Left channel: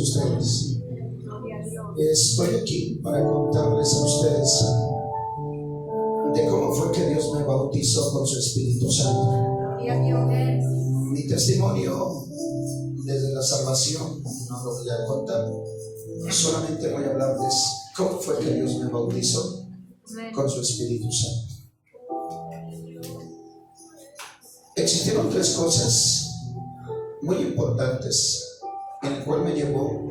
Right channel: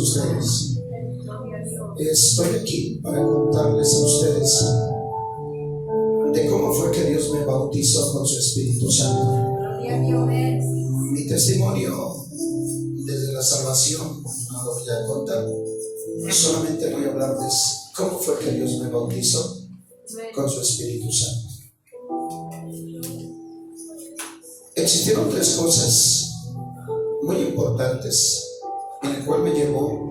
ustedes. Estoy aquí para contarles a ustedes de cómo fue que Dios me bautizó con su Espíritu Santo. Mi testimonio desde la salvación no lo voy a contar, solamente voy a hablarles cómo fue que Dios me bautizó con su Espíritu Santo. Existieron tres cosas muy importantes en el cual me llevó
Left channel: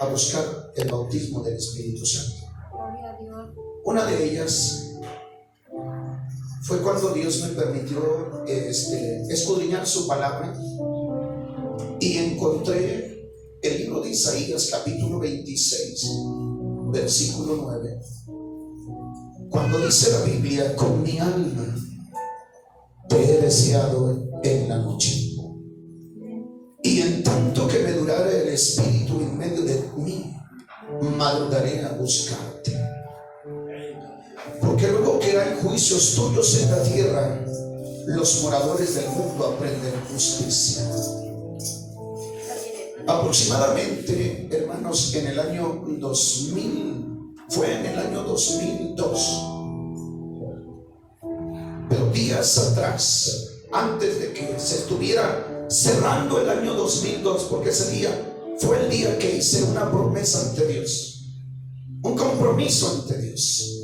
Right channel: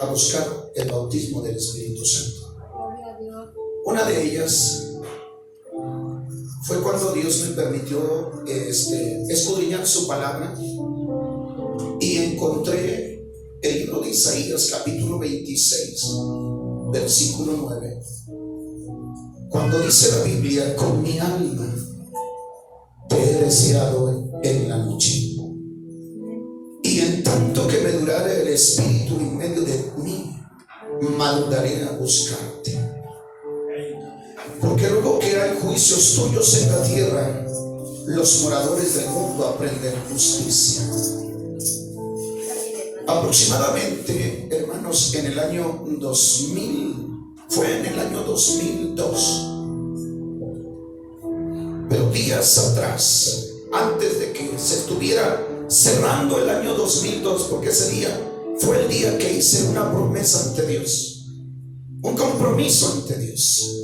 a buscar el bautismo del Espíritu Santo. Una de ellas fue cuando Dios me permitió escudriñar su palabra y encontré el libro de Isaías capítulo 26 versículo 9, cuando dice la Biblia: con mi alma te he deseado en la noche, y en tanto que me durare el espíritu en medio de mí, madrugaré a buscarte. Porque luego que hay juicios tuyos en la tierra, los moradores del mundo aprenden justicia. Aproximadamente, hermanos, en el año 2000, fue en el año 2002, pero días atrás, antes de que se estuviera cerrando el año 2002, porque ese día fue el día que hice una promesa ante Dios, un compromiso ante Dios.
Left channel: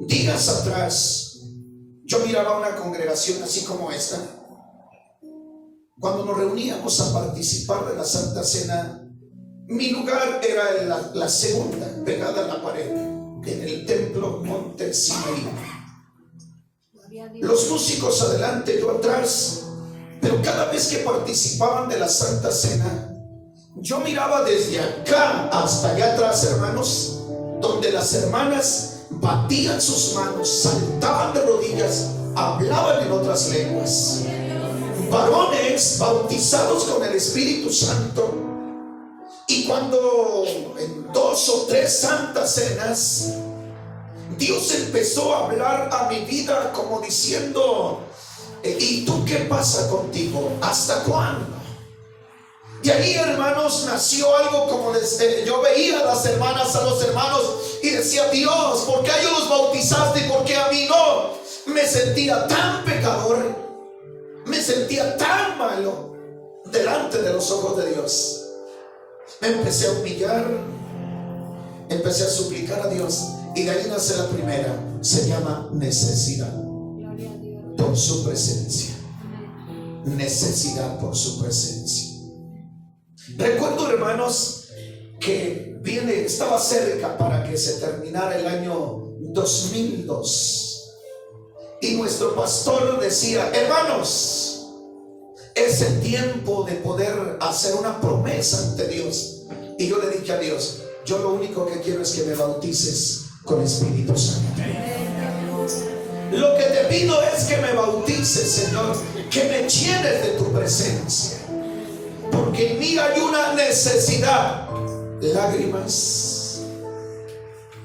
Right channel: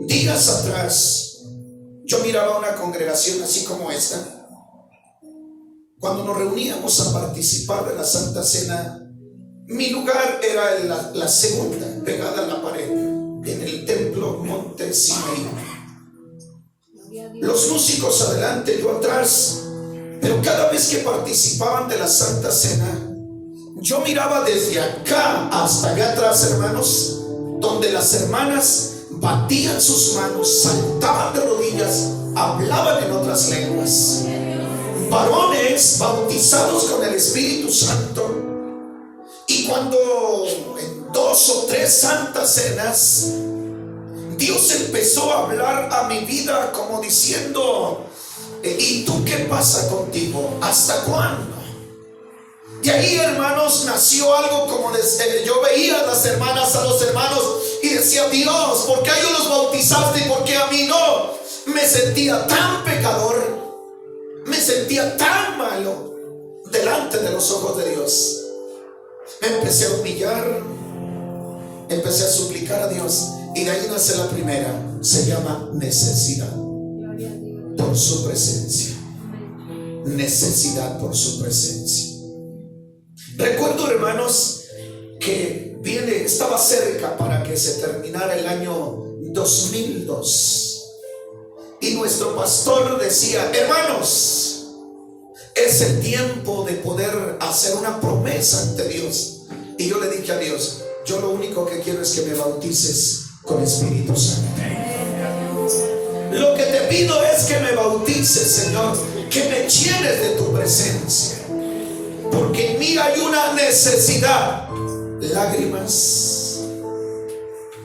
Días atrás yo miraba una congregación así como esta. Cuando nos reuníamos a participar de la Santa Cena, mi lugar era la segunda, pegada a la pared, en el templo Monte Sinaí. Los músicos adelante, yo atrás. Pero cada vez que participaban de la Santa Cena, yo miraba desde acá hasta allá atrás, hermanos, donde las hermanas batían sus manos, saltaban de rodillas, hablaban en otras lenguas. Varones bautizados con el Espíritu Santo. Y cuando en 2 o 3 santas cenas, Dios empezó a hablar a mi vida como diciendo: ¿y tú qué pasa contigo? ¿Hasta cuándo? De ahí, hermanos, nació algo como yo veía a las hermanas, a los hermanos, y decía: Dios, ¿por qué a ellos los bautizaste y por qué a mí no? Me sentía tan pecador, me sentía tan malo delante de los ojos de Dios. Me empecé a humillar, empecé a suplicar a Dios, y de ahí nace la primera, se llama necesidad por su presencia. Necesidad por su presencia. Recuerdo, hermanos, que estaba cerca para que se terminara el año 2002, y nuestro pastor decía: hermanos, es el tiempo de poder hacer una promesa ante Dios. Y yo le dije a Dios: yo lo único que quiero es que me bautices con Espíritu Santo. Lo que te pido es que me bautices, Señor, que me llenes de tu presencia, porque en mí hay una necesidad.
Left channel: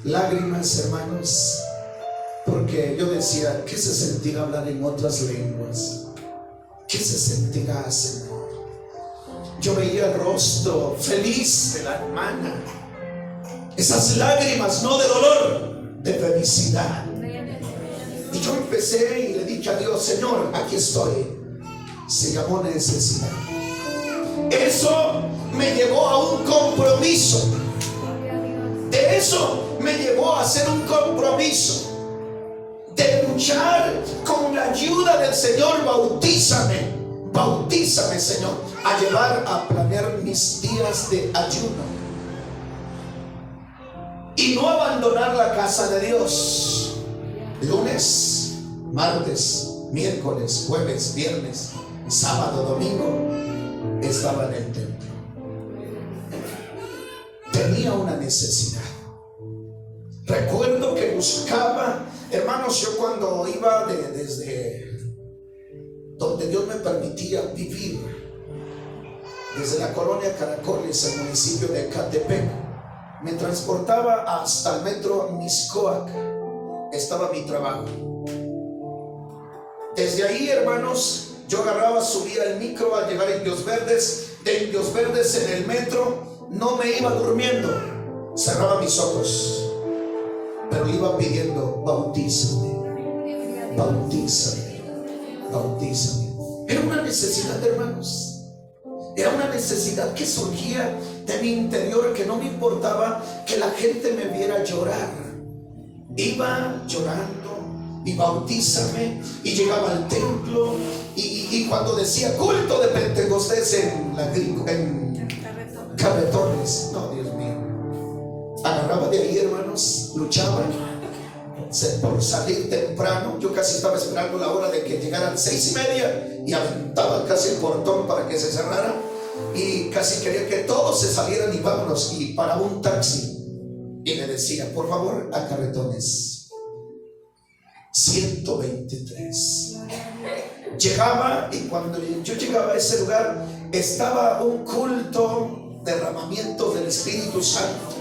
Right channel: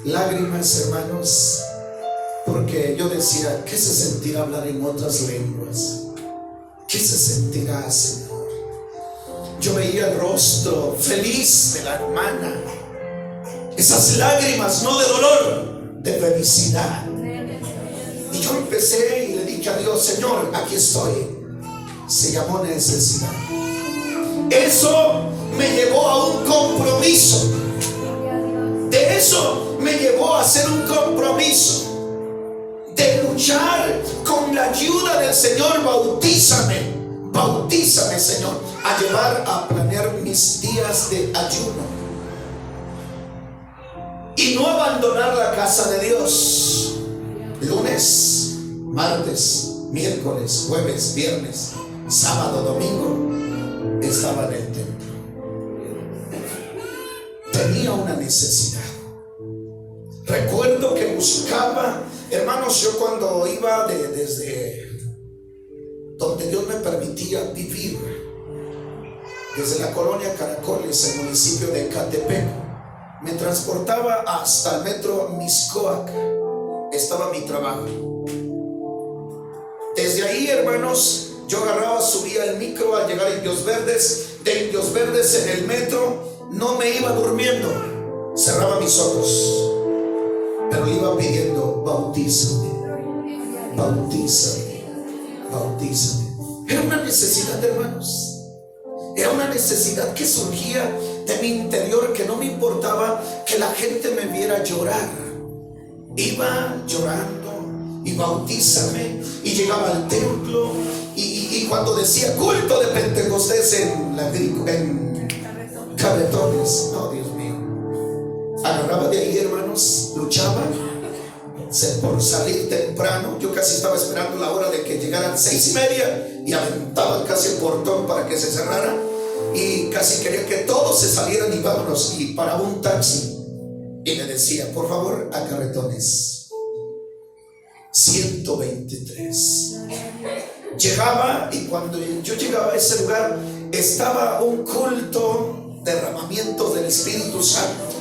Lágrimas, hermanos, porque yo decía: ¿qué se sentirá hablar en otras lenguas? ¿Qué se sentirá, Señor? Yo veía el rostro feliz de la hermana, esas lágrimas no de dolor, de felicidad. Y yo empecé y le dije a Dios: Señor, aquí estoy. Se llamó necesidad. Eso me llevó a un compromiso. De eso me llevó a hacer un compromiso de luchar con la ayuda del Señor. Bautízame, Señor, a llevar a planear mis días de ayuno y no abandonar la casa de Dios. Lunes, martes, miércoles, jueves, viernes, sábado, domingo estaba en el templo. Tenía una necesidad. Recuerdo que buscaba, hermanos, yo cuando iba desde donde Dios me permitía vivir, desde la colonia Caracoles, el municipio de Ecatepec, me transportaba hasta el metro Mixcoac. Estaba mi trabajo. Desde ahí, hermanos, Yo agarraba, subía el micro al llegar a Indios Verdes, de Indios Verdes en el metro, no me iba durmiendo, cerraba mis ojos, pero le iba pidiendo: bautízame, bautízame, bautízame. Era una necesidad, hermanos. Era una necesidad que surgía de mi interior, que no me importaba que la gente me viera llorar. Iba llorando y bautízame, y llegaba al templo y cuando decía culto de Pentecostés en Cabetones, no, Dios mío, agarraba de ahí, hermanos, luchaba por salir temprano. Yo casi estaba esperando la hora de que llegaran 6:30 y aventaba casi el portón para que se cerrara, y casi quería que todos se salieran y vámonos, y paraba un taxi y le decía: por favor, a Carretones 123. Llegaba, y cuando yo llegaba a ese lugar estaba un culto, derramamiento del Espíritu Santo.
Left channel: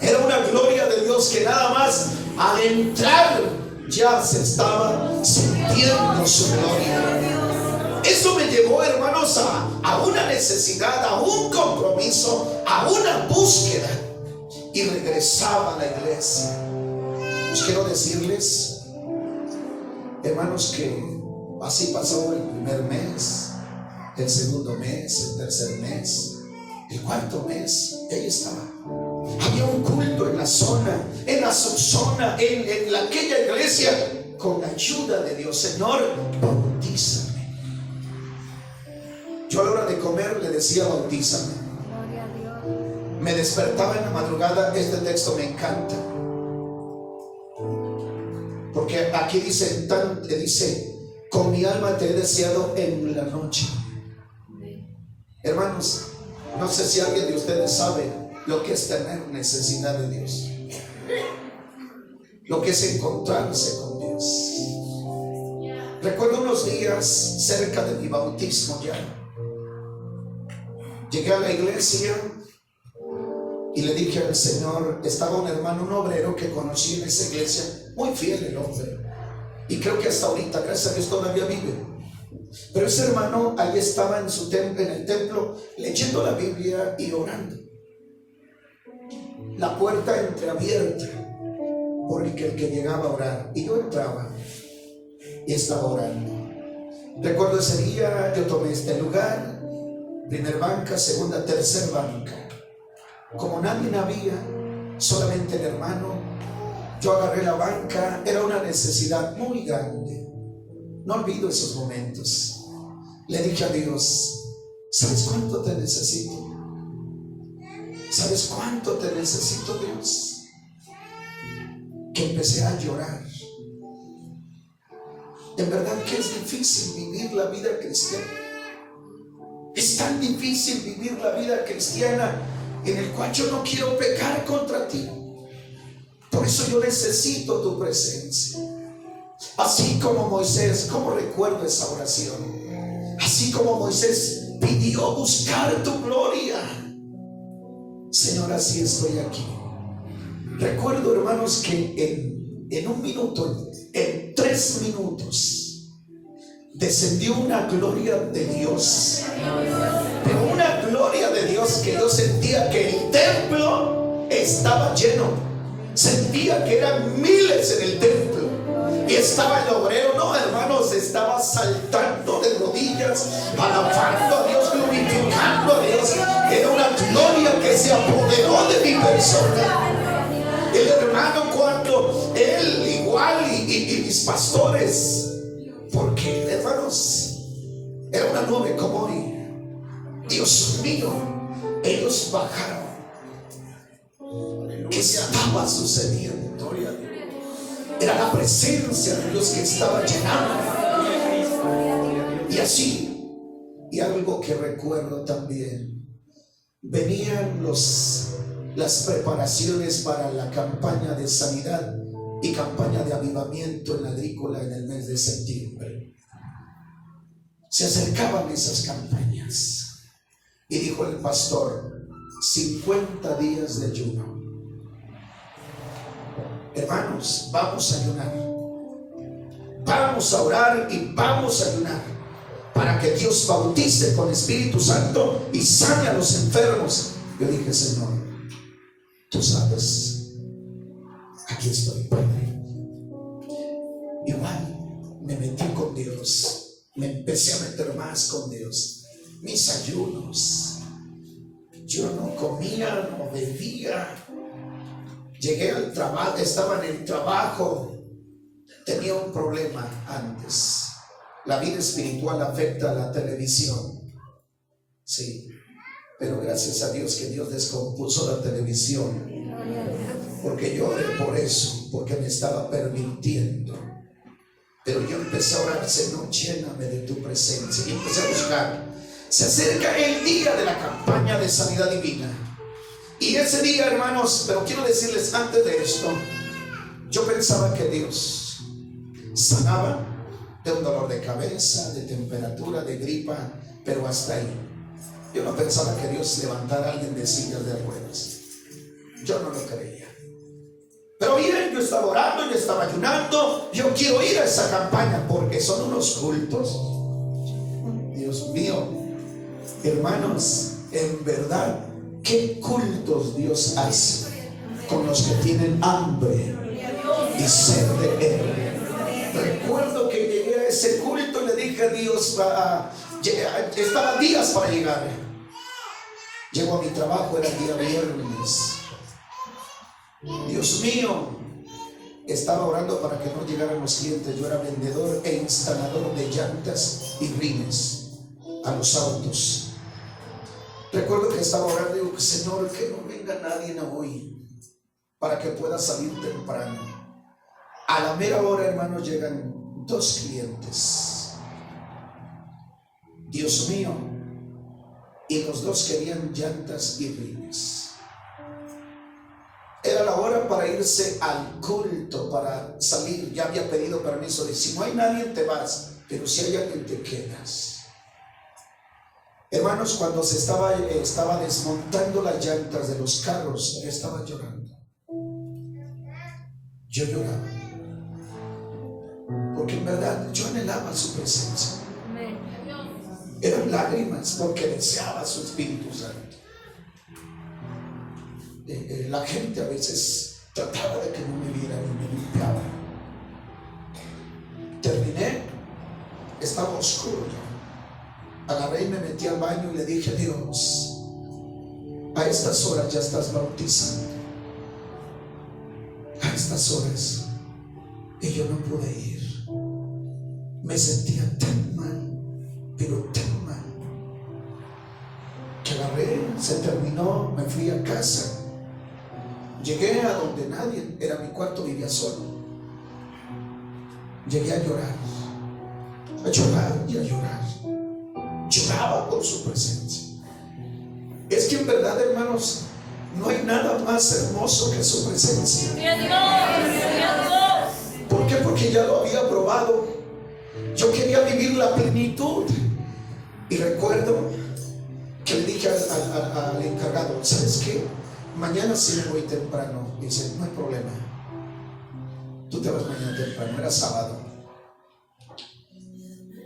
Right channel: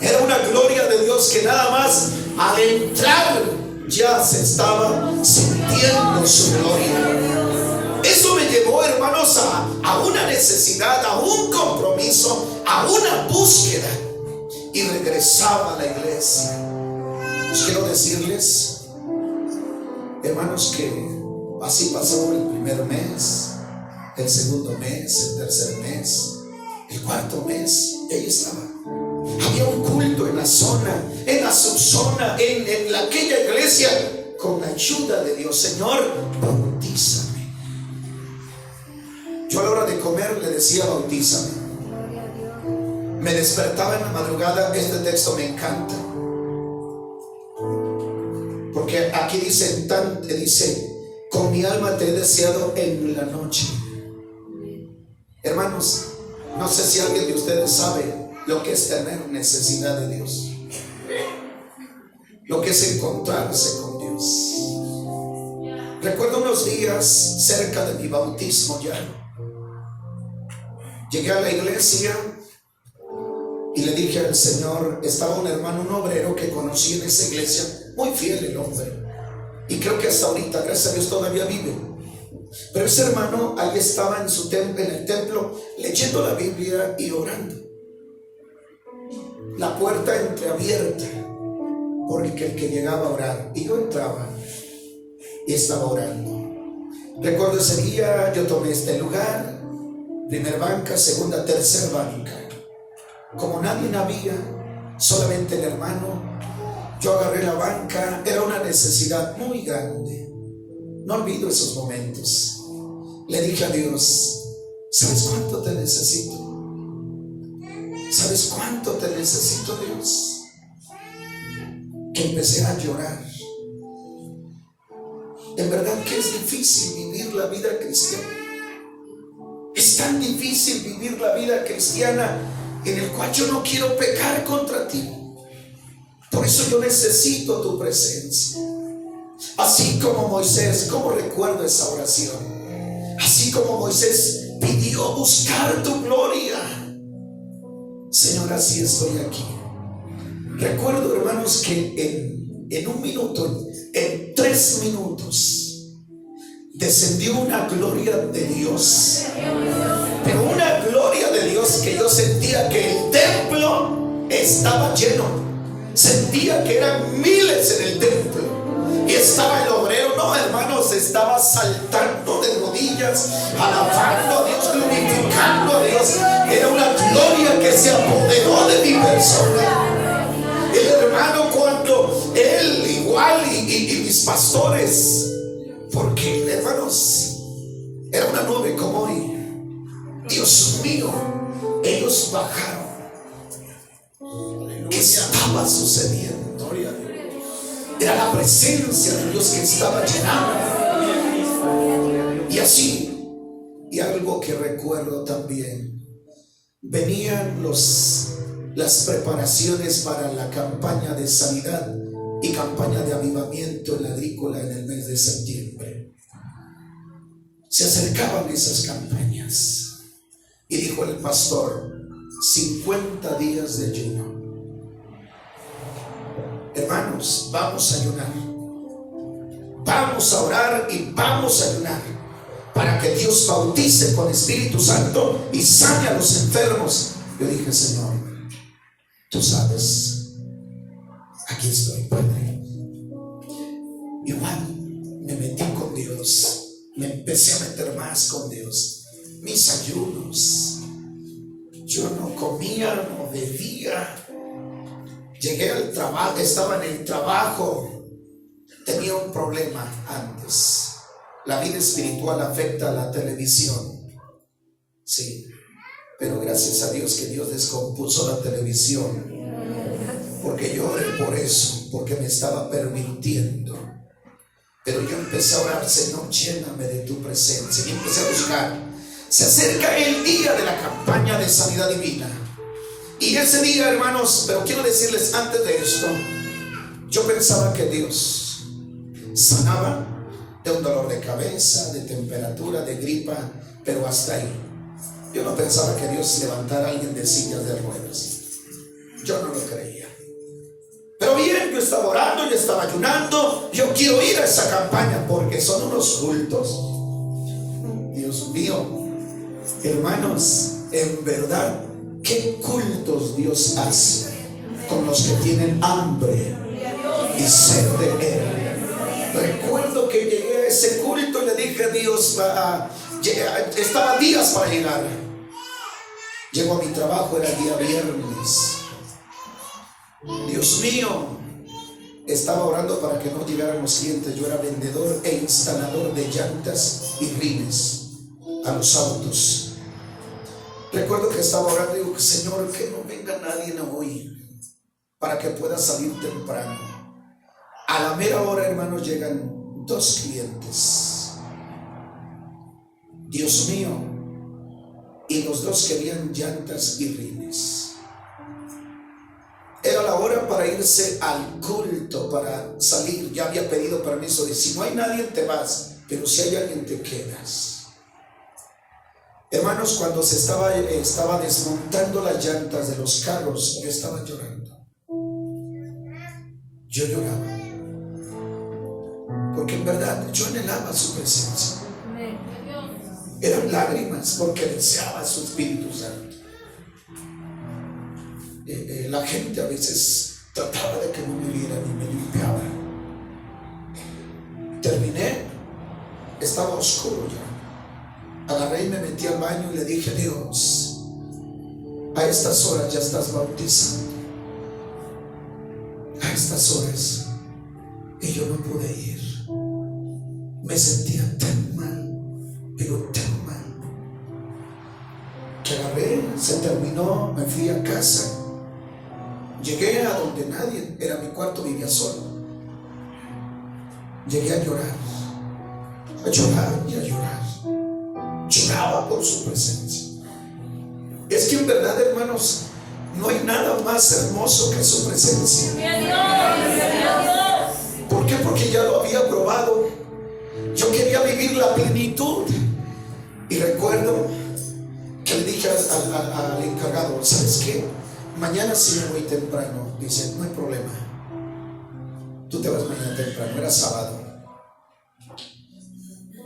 Era una gloria de Dios que nada más al entrar ya se estaba sintiendo su gloria. Eso me llevó, hermanos, a una necesidad, a un compromiso, a una búsqueda, y regresaba a la iglesia. Pues quiero decirles, hermanos, que así pasó el primer mes, el segundo mes, el tercer mes, el cuarto mes, y ahí estaba. Había un culto en la zona, en la subzona, en aquella iglesia, con la ayuda de Dios. Señor, bautízame. Yo a la hora de comer le decía: bautízame. Me despertaba en la madrugada. Este texto me encanta, porque aquí dice: con mi alma te he deseado en la noche. Hermanos, no sé si alguien de ustedes sabe lo que es tener necesidad de Dios, lo que es encontrarse con Dios. Recuerdo unos días cerca de mi bautismo, ya llegué a la iglesia y le dije al Señor: estaba un hermano, un obrero que conocí en esa iglesia, muy fiel el hombre, y creo que hasta ahorita, gracias a Dios, todavía vive. Pero ese hermano ahí estaba en su templo, en el templo, leyendo la Biblia y orando. La puerta entreabierta, porque el que llegaba a orar, y yo entraba y estaba orando. Recuerdo ese día, yo tomé este lugar, primer banca, segunda, tercer banca. Como nadie había, solamente el hermano, yo agarré la banca. Era una necesidad muy grande. No olvido esos momentos. Le dije a Dios: ¿sabes cuánto te necesito? ¿Sabes cuánto te necesito, Dios? Que empecé a llorar. En verdad que es difícil vivir la vida cristiana. Es tan difícil vivir la vida cristiana en el cual yo no quiero pecar contra ti. Por eso yo necesito tu presencia. Así como Moisés, como recuerdo esa oración, así como Moisés pidió buscar tu gloria, Señor, así estoy aquí. Recuerdo, hermanos, que en un minuto, en 3 minutos, descendió una gloria de Dios. Pero una gloria de Dios que yo sentía que el templo estaba lleno. Sentía que eran miles en el templo. Y estaba el obrero, no, hermanos, estaba saltando de rodillas, alabando a Dios, glorificando a Dios. Era una gloria que se apoderó de mi persona. El hermano, cuando él igual y mis pastores, porque, hermanos, era una nube como hoy. Dios mío, ellos bajaron. ¿Qué estaba sucediendo? Era la presencia de Dios que estaba llenando. Y así, y algo que recuerdo también, venían las preparaciones para la campaña de sanidad y campaña de avivamiento en la agrícola en el mes de septiembre. Se acercaban esas campañas y dijo el pastor: 50 días de ayuno. Hermanos, vamos a ayunar, vamos a orar y vamos a ayunar. para que Dios bautice con Espíritu Santo y sane a los enfermos. Yo dije, Señor, tú sabes, aquí estoy, Padre. Igual me metí con Dios, me empecé a meter más con Dios. Mis ayunos, yo no comía, no bebía. Llegué al trabajo, estaba en el trabajo, tenía un problema antes. La vida espiritual afecta a la televisión, sí, pero gracias a Dios que Dios descompuso la televisión, porque yo oré por eso, porque me estaba permitiendo. Pero yo empecé a orar, Señor, lléname de tu presencia, y empecé a buscar. Se acerca el día de la campaña de sanidad divina, y ese día, hermanos, pero quiero decirles antes de esto, yo pensaba que Dios sanaba de un dolor de cabeza, de temperatura, de gripa, pero hasta ahí. Yo no pensaba que Dios levantara a alguien de sillas de ruedas. Yo no lo creía. Pero bien, yo estaba orando, yo estaba ayunando. Yo quiero ir a esa campaña porque son unos cultos. Dios mío, hermanos, en verdad, qué cultos Dios hace con los que tienen hambre y sed de Él. Recuerdo que llegué a ese culto y le dije a Dios, estaba días para llegar. Llego a mi trabajo, era el día viernes. Dios mío, estaba orando para que no llegaran los clientes. Yo era vendedor e instalador de llantas y rines a los autos. Recuerdo que estaba orando y digo, Señor, que no venga nadie hoy para que pueda salir temprano. A la mera hora, hermanos, llegan 2 clientes. Dios mío, y los 2 querían llantas y rines. Era la hora para irse al culto, para salir. Ya había pedido permiso de si no hay nadie te vas, pero si hay alguien te quedas. Hermanos, cuando se estaba desmontando las llantas de los carros, yo estaba llorando. Yo lloraba. Porque en verdad yo anhelaba su presencia. Eran lágrimas porque deseaba su Espíritu Santo. La gente a veces trataba de que no me vieran y me limpiaba. Terminé, estaba oscuro ya. Agarré y me metí al baño y le dije, Dios, a estas horas ya estás bautizando. A estas horas. Y yo no pude ir. Me sentía tan mal, pero tan mal, que agarré, se terminó, me fui a casa. Llegué a donde nadie, era mi cuarto, vivía solo. Llegué a llorar y a llorar. Lloraba por su presencia. Es que en verdad, hermanos, no hay nada más hermoso que su presencia. ¿Por qué? Porque ya lo había probado. Yo quería vivir la plenitud. Y recuerdo que le dije al encargado, ¿sabes qué? Mañana sí me voy temprano. Dice, no hay problema, tú te vas mañana temprano. Era sábado.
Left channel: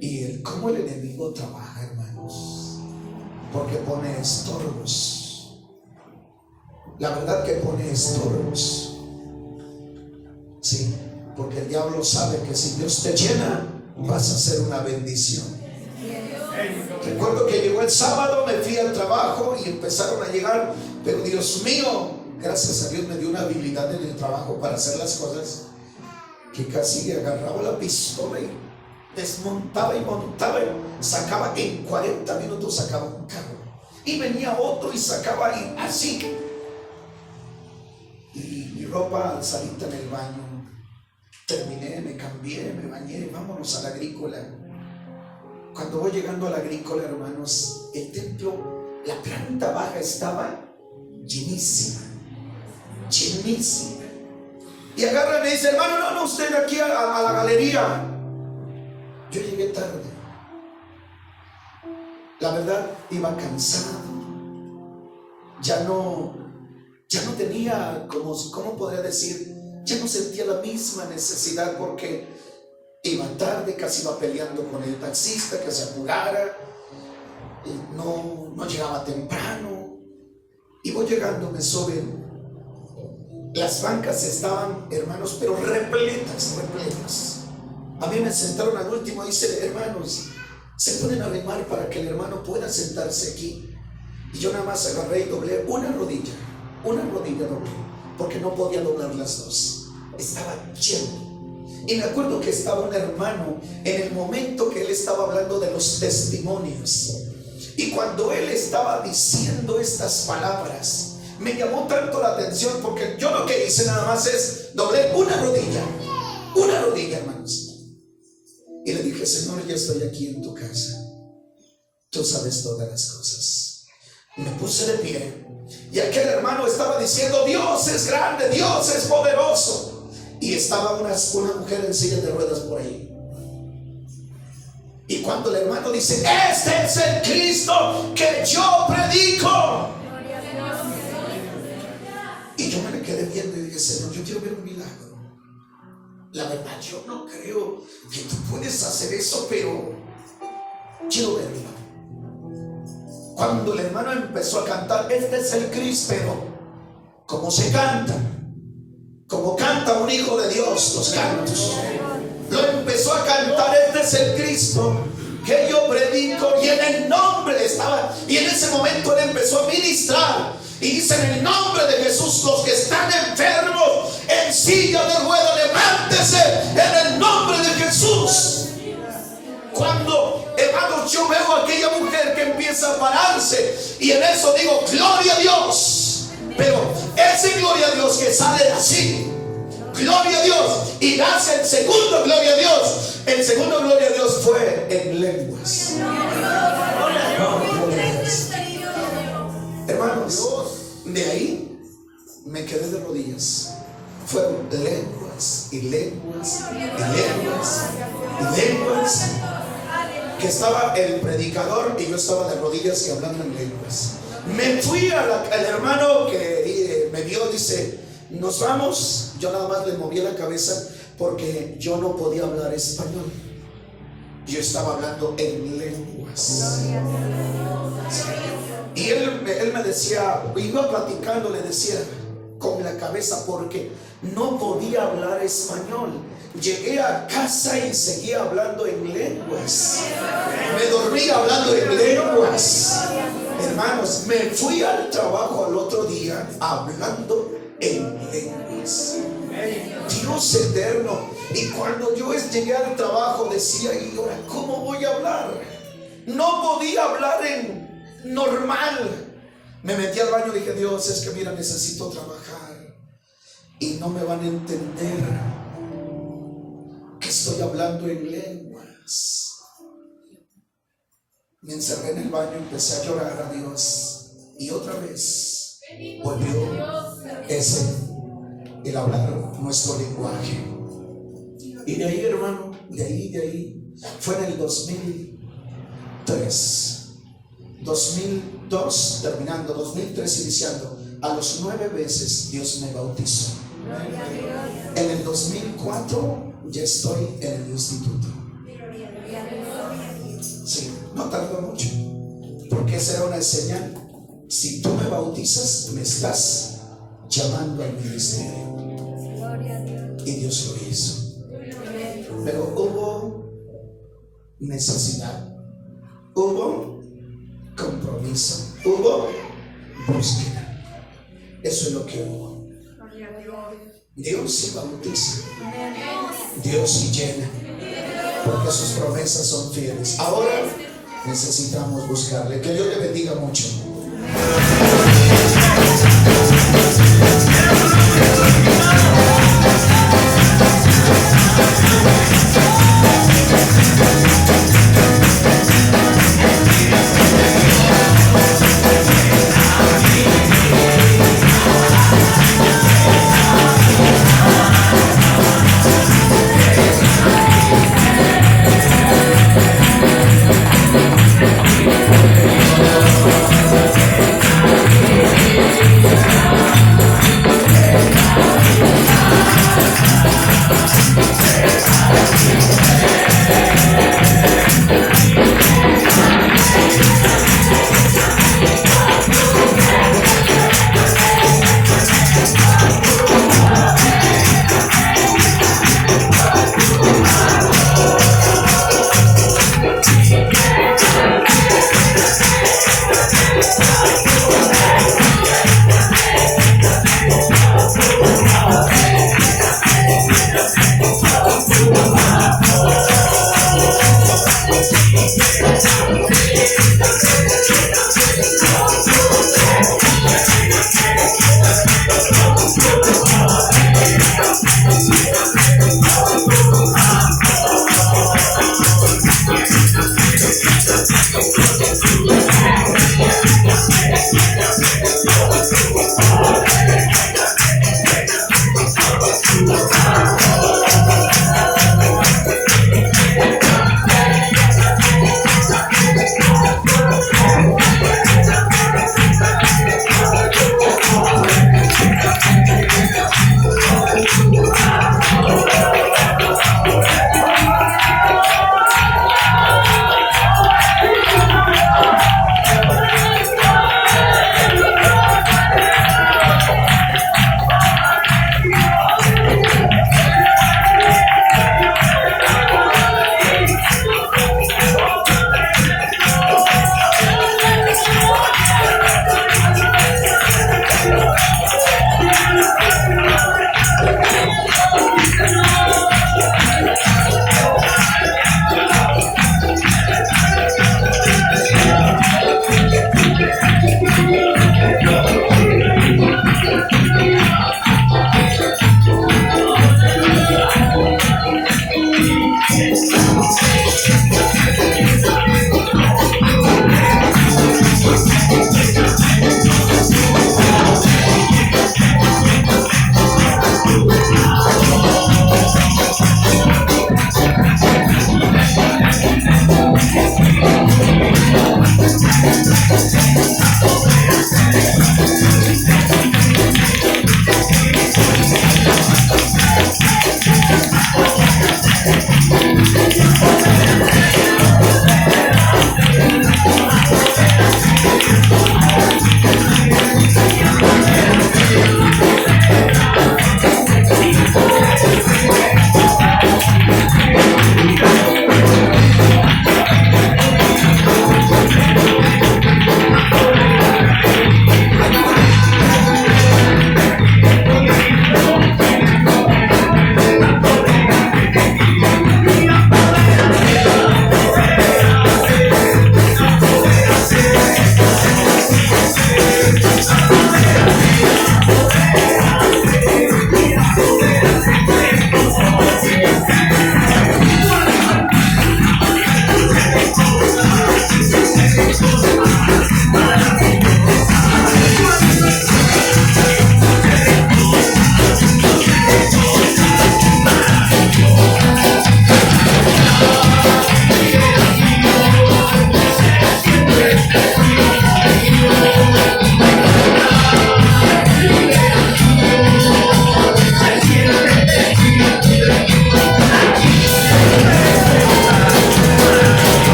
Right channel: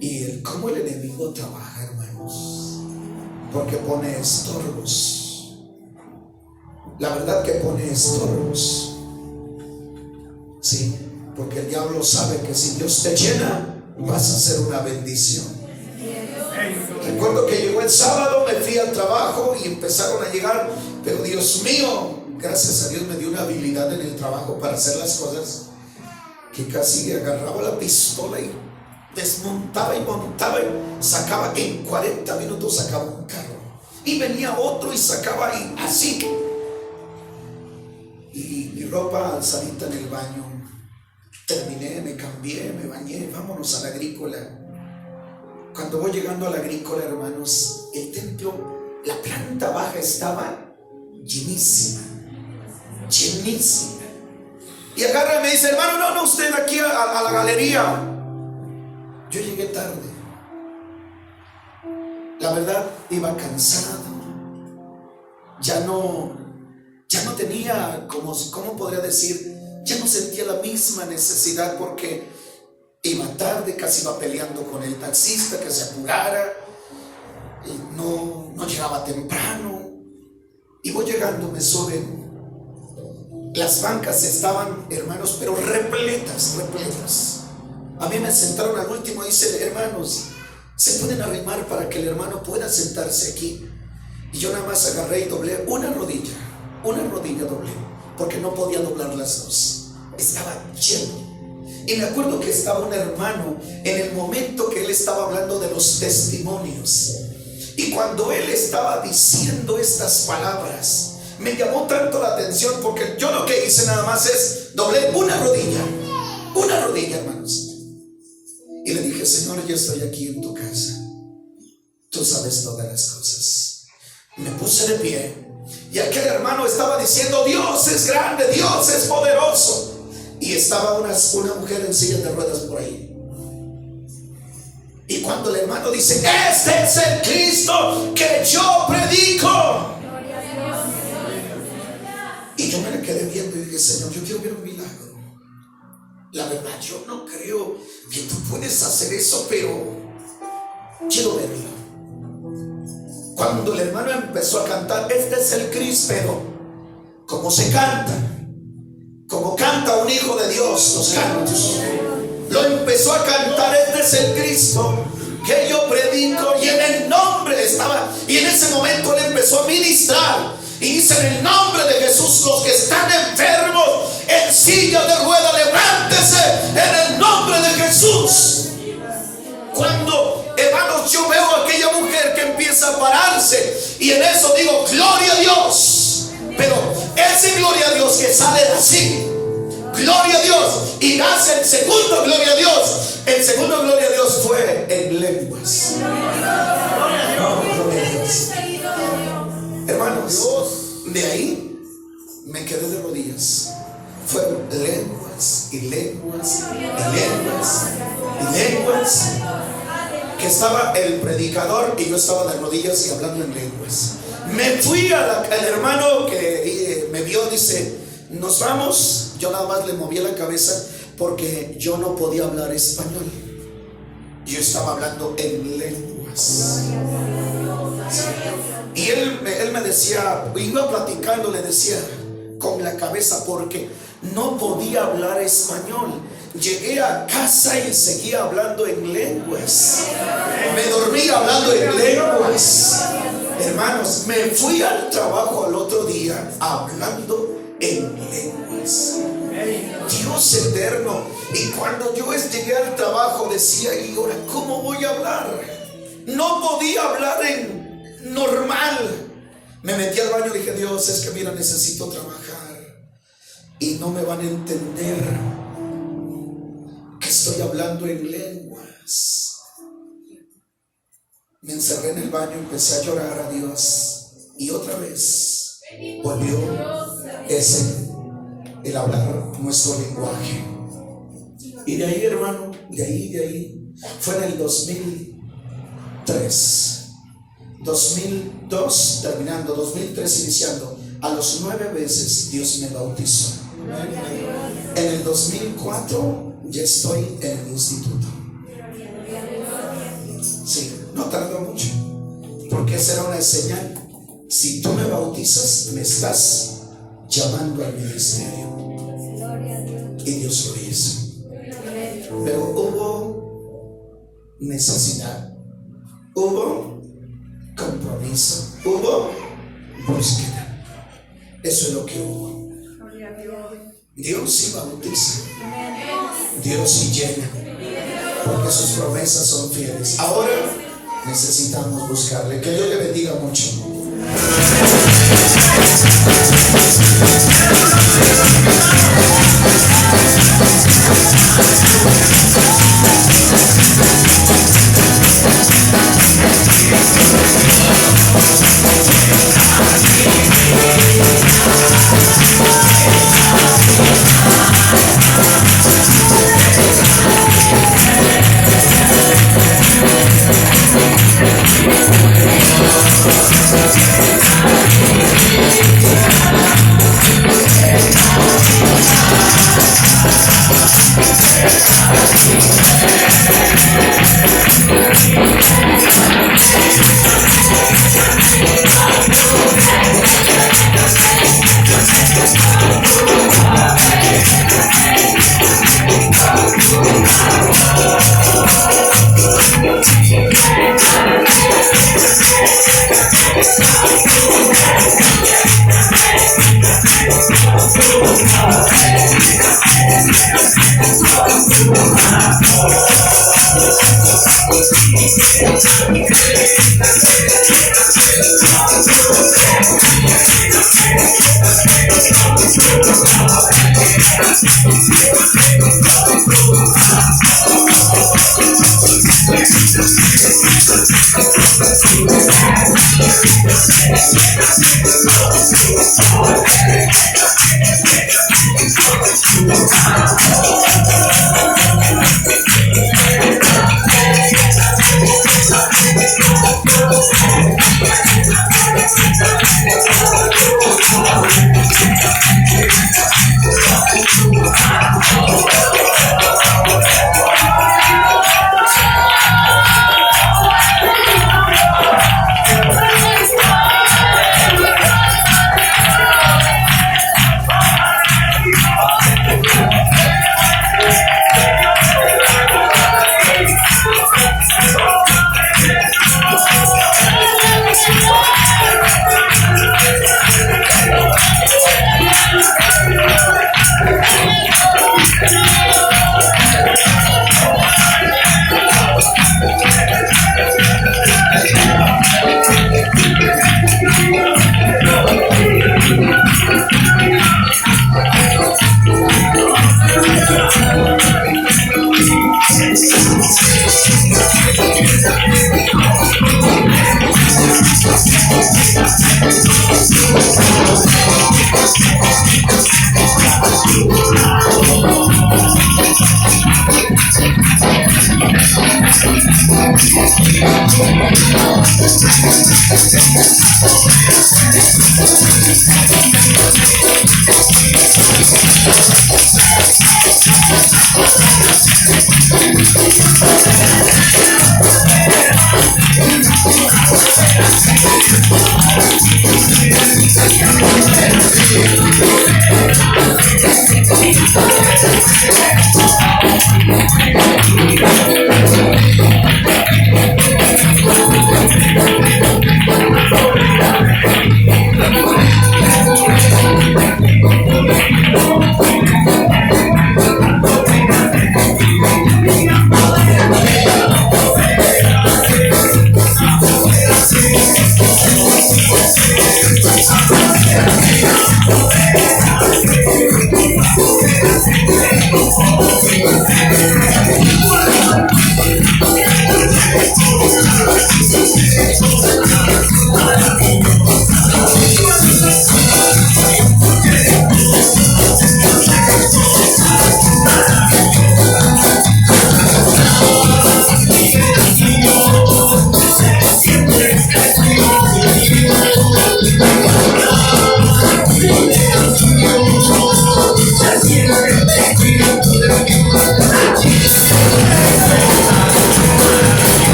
Y cómo el enemigo trabaja, hermanos, porque pone estorbos. La verdad que pone estorbos. Sí, porque el diablo sabe que si Dios te llena, vas a ser una bendición. Recuerdo que llegó el sábado, me fui al trabajo y empezaron a llegar, pero Dios mío, gracias a Dios me dio una habilidad en el trabajo para hacer las cosas, que casi agarraba la pistola y desmontaba y montaba y sacaba, en 40 minutos sacaba un carro, y venía otro y sacaba, y así. Y mi ropa alzadita en el baño, terminé, me cambié, me bañé, vámonos a la agrícola. Cuando voy llegando a la agrícola, hermanos, el templo, la planta baja estaba llenísima, llenísima. Y agarra y me dice, hermano, no, usted aquí a la galería. Yo llegué tarde. La verdad, iba cansado. Ya no tenía, ¿cómo podría decir? Ya no sentía la misma necesidad, porque Iba tarde, casi iba peleando con el taxista que se apurara. Y no llegaba temprano. Y voy llegando, me suben. Las bancas estaban, hermanos, pero repletas. A mí me sentaron al último. Dice: hermanos, ¿se pueden arrimar para que el hermano pueda sentarse aquí? Y yo nada más agarré y doblé una rodilla doblé, porque no podía doblar las dos. Estaba lleno. Y me acuerdo que estaba un hermano en el momento que él estaba hablando de los testimonios. Y cuando él estaba diciendo estas palabras, me llamó tanto la atención, porque yo lo que hice nada más es doblé una rodilla, hermanos. Y le dije: Señor, yo estoy aquí en tu casa, tú sabes todas las cosas. Me puse de pie, y aquel hermano estaba diciendo: Dios es grande, Dios es poderoso. Y estaba una mujer en silla de ruedas por ahí. Y cuando el hermano dice: este es el Cristo que yo predico. Y yo me le quedé viendo y dije: Señor, yo quiero ver un milagro. La verdad, yo no creo que tú puedes hacer eso, pero quiero verlo. Cuando el hermano empezó a cantar: este es el Cristo, pero como se canta, como canta un hijo de Dios los cantos, lo empezó a cantar: este es el Cristo que yo predico. Y en el nombre estaba, y en ese momento él empezó a ministrar. Y dice: en el nombre de Jesús, los que están enfermos en silla de ruedas, levántese en el nombre de Jesús. Cuando, hermanos, yo veo a aquella mujer que empieza a pararse, y en eso digo: gloria a Dios. Pero ese gloria a Dios que sale de así, gloria a Dios, y hace el segundo gloria a Dios. El segundo gloria a Dios fue en lenguas. Hermanos, de ahí me quedé de rodillas. Fueron lenguas y lenguas y lenguas y lenguas, que estaba el predicador y yo estaba de rodillas y hablando en lenguas. Me fui al hermano que me vio, dice: nos vamos. Yo nada más le moví la cabeza porque yo no podía hablar español. Yo estaba hablando en lenguas. Y él me decía, iba platicando, le decía con la cabeza, porque no podía hablar español. Llegué a casa y seguía hablando en lenguas. Me dormí hablando en lenguas. Hermanos, me fui al trabajo al otro día hablando en lenguas. Dios eterno. Y cuando yo llegué al trabajo decía: ¿y ahora cómo voy a hablar? No podía hablar en normal. Me metí al baño y dije: Dios, es que mira, necesito trabajar y no me van a entender que estoy hablando en lenguas. Me encerré en el baño, empecé a llorar a Dios, y otra vez volvió el hablar nuestro lenguaje. Y de ahí, hermano, de ahí fue en el 2003, 2002 terminando, 2003 iniciando. A los 9 veces Dios me bautizó. En el 2004 ya estoy en el instituto. Sí, no tardó mucho, porque esa era una señal. Si tú me bautizas, me estás llamando al ministerio. Y Dios lo hizo. Pero hubo necesidad, hubo compromiso, hubo búsqueda. Eso es lo que hubo. Dios sí bautiza, Dios sí llena, porque sus promesas son fieles. Ahora necesitamos buscarle. Que Dios le bendiga mucho.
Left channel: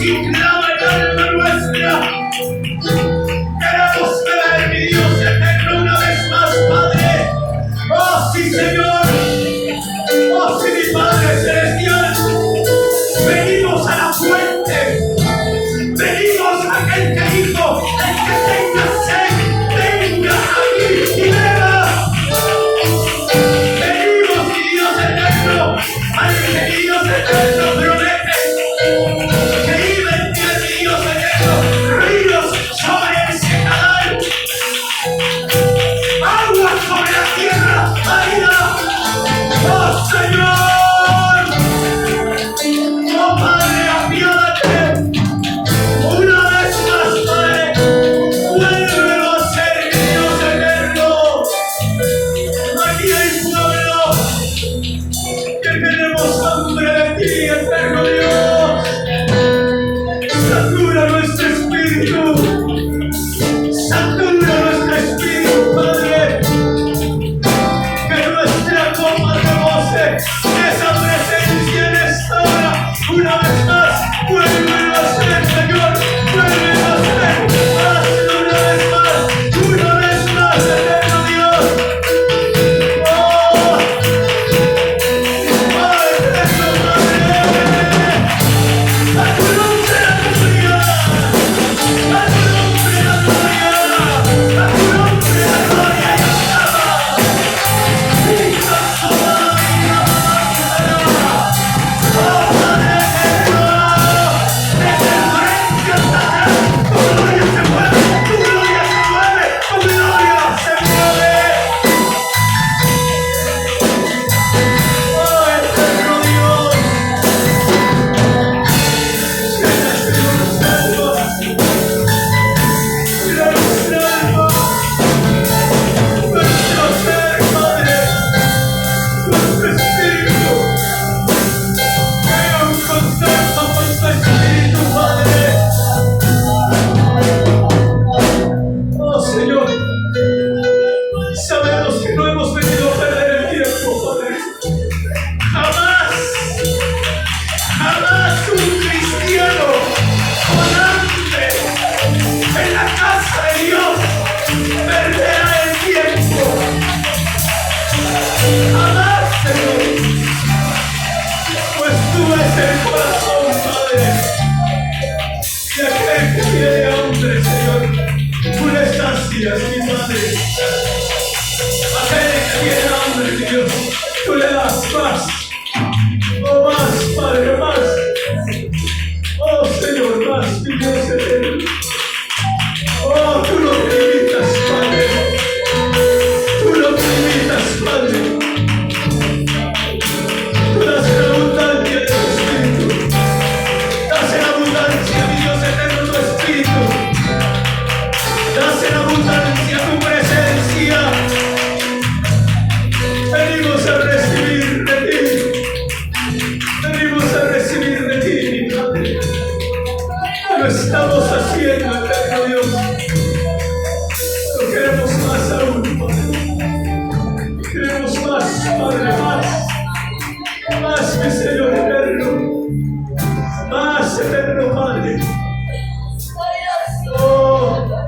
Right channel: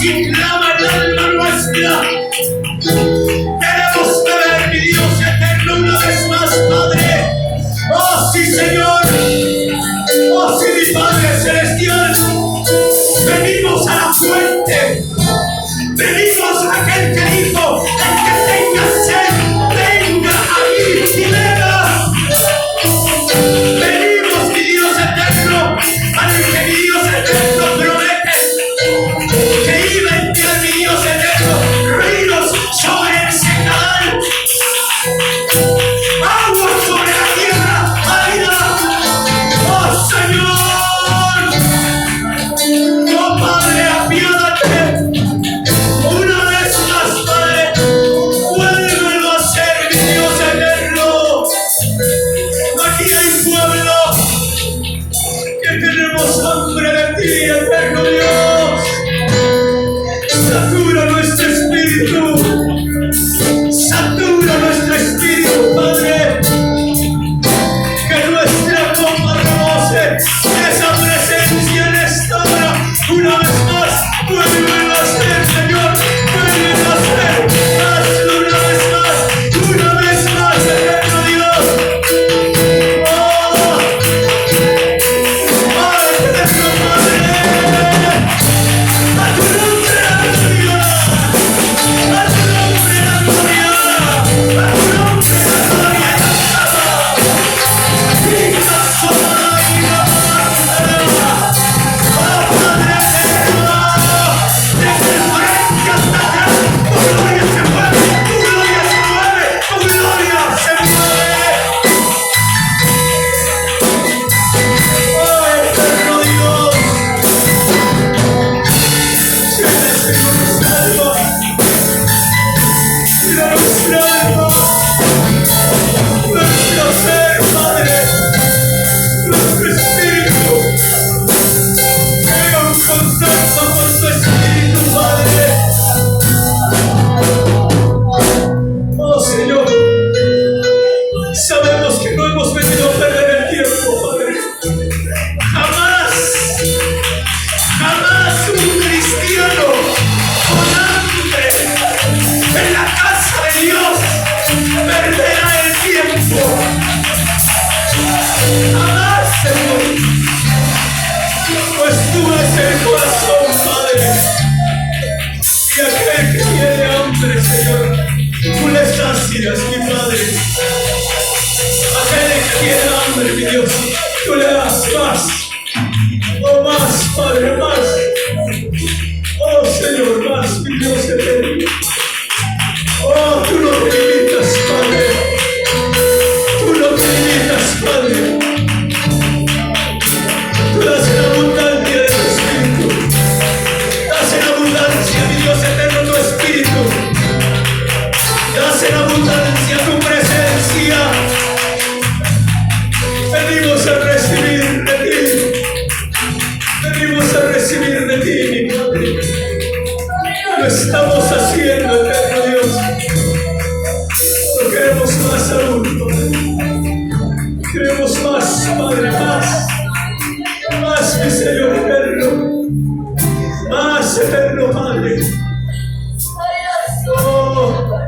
así clama el alma nuestra. Queremos ver, mi Dios eterno, una vez más, Padre. Oh, sí, Señor. Oh, sí, mi Padre celestial. Venimos a la fuente. Venimos a aquel que dijo: el que tenga sed, venga a mí y beba. Venimos, mi Dios eterno, al que mi Dios eterno promete que iba a enviar, mi Dios eterno, ríos sobre el secadal, agua sobre la tierra árida. ¡Oh, Señor! ¡Oh, Padre, apiádate! Una vez más, Padre, vuélvelo a hacer, mi Dios eterno. Aquí hay pueblo que tenemos hambre de ti, eterno Dios. Satura nuestro espíritu, Padre. Que nuestra copa rebose esa presencia en esta hora. Una vez más, vuélvelo a hacer, Señor. Vuélvelo a hacer. Hazlo una vez más, eterno Dios. Oh, eterno Padre. A tu nombre la gloria. A tu nombre la gloria. A tu nombre la gloria. Viva sola la vida. Oh, Padre eterno, desde el frente hasta atrás, tu gloria se mueve, tu gloria se mueve, tu gloria se mueve. Oh, eterno Dios, llena, Señor, nuestra alma, llena nuestra alma, nuestro ser, Padre, nuestro espíritu. Venga un contacto con tu espíritu, Padre. Oh, Señor, sabemos que no hemos venido a perder el tiempo, Padre. Jamás, jamás un cristiano con hambre en la casa de Dios perderá el tiempo. Jamás, Señor. Pues tú ves el corazón, Padre. Y aquel que tiene hambre, Señor, tú le sacias, mi Padre. Aquel que tiene hambre, mi Dios, tú le das más. Oh, más, Padre, más. Oh, Señor, más, mi Dios eterno. Oh, tú no te limitas, Padre. Tú no te limitas, Padre. Tú das en abundancia de tu espíritu. Das en abundancia, mi Dios eterno, tu espíritu. Das en abundancia tu presencia. Venimos a recibir de ti. Venimos a recibir de ti, mi Padre. Lo estamos haciendo, eterno Dios. Pero queremos más aún, Padre. Queremos más, Padre, más. Más, mi Señor eterno. Más, eterno Padre. Oh,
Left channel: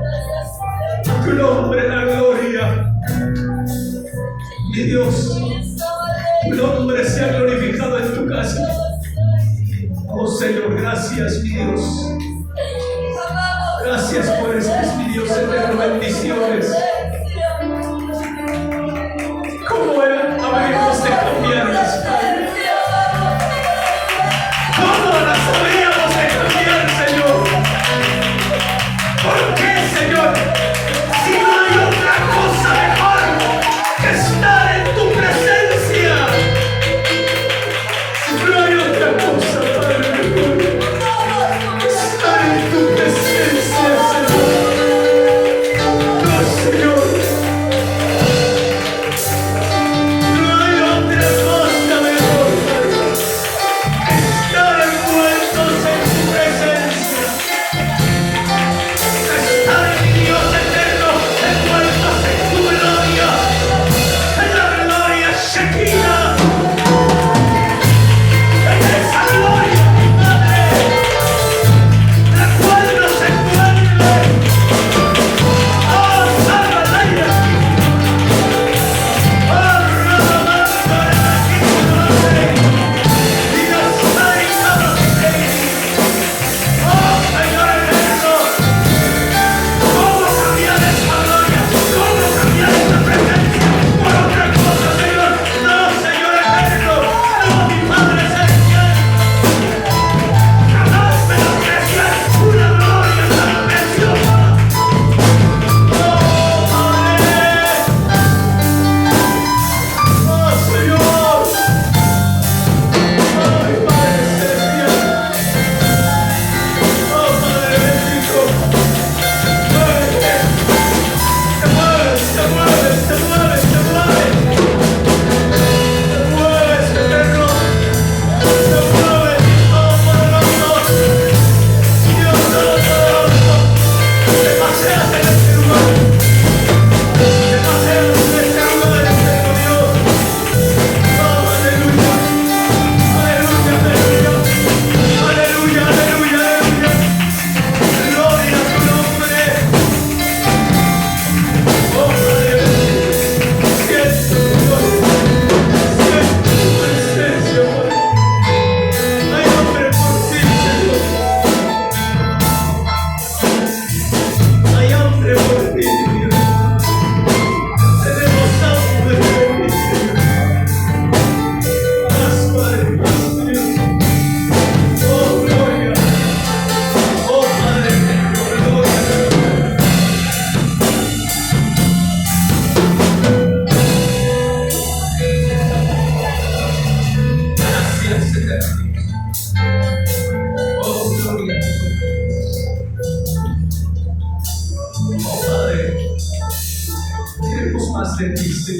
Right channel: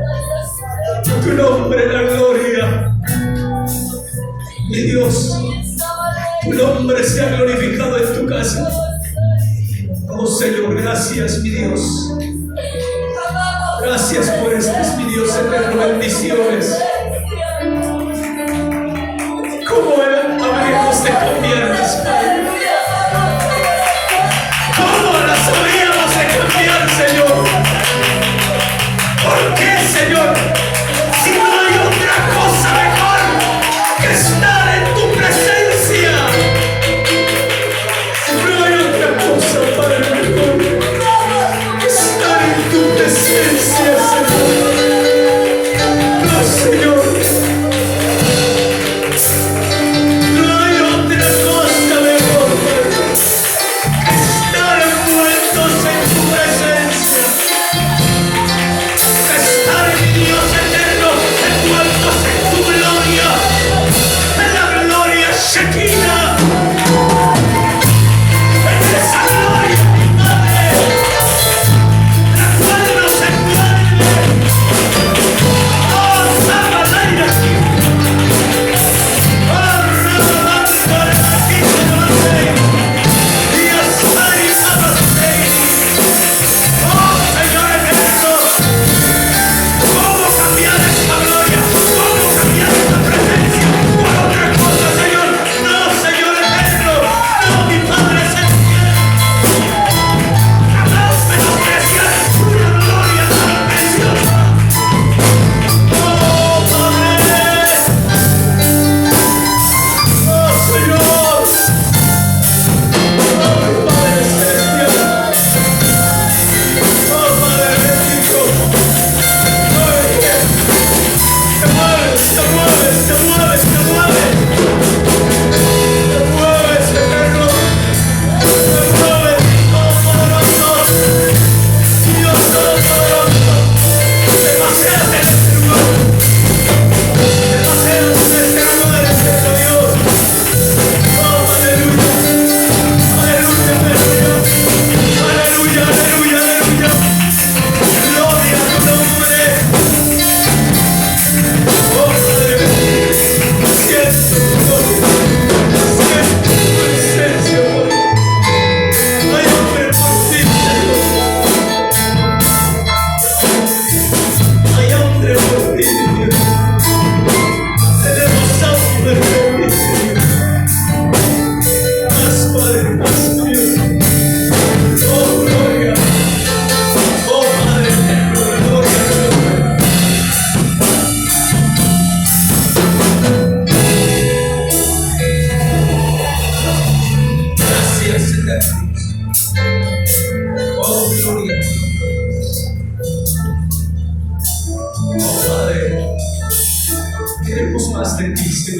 a tu nombre la gloria. Mi Dios, tu nombre sea glorificado en tu casa. Oh, Señor, gracias, mi Dios. Gracias por estas, mi Dios eterno, bendiciones. ¿Cómo habríamos de cambiarlas, Padre? ¿Cómo las habríamos de cambiar, Señor? ¿Por qué, Señor? Si no hay otra cosa mejor que estar en tu presencia. No hay otra cosa, Padre, mejor que estar en tu presencia, Señor. No, Señor. No hay otra cosa mejor, Padre, que estar envueltos en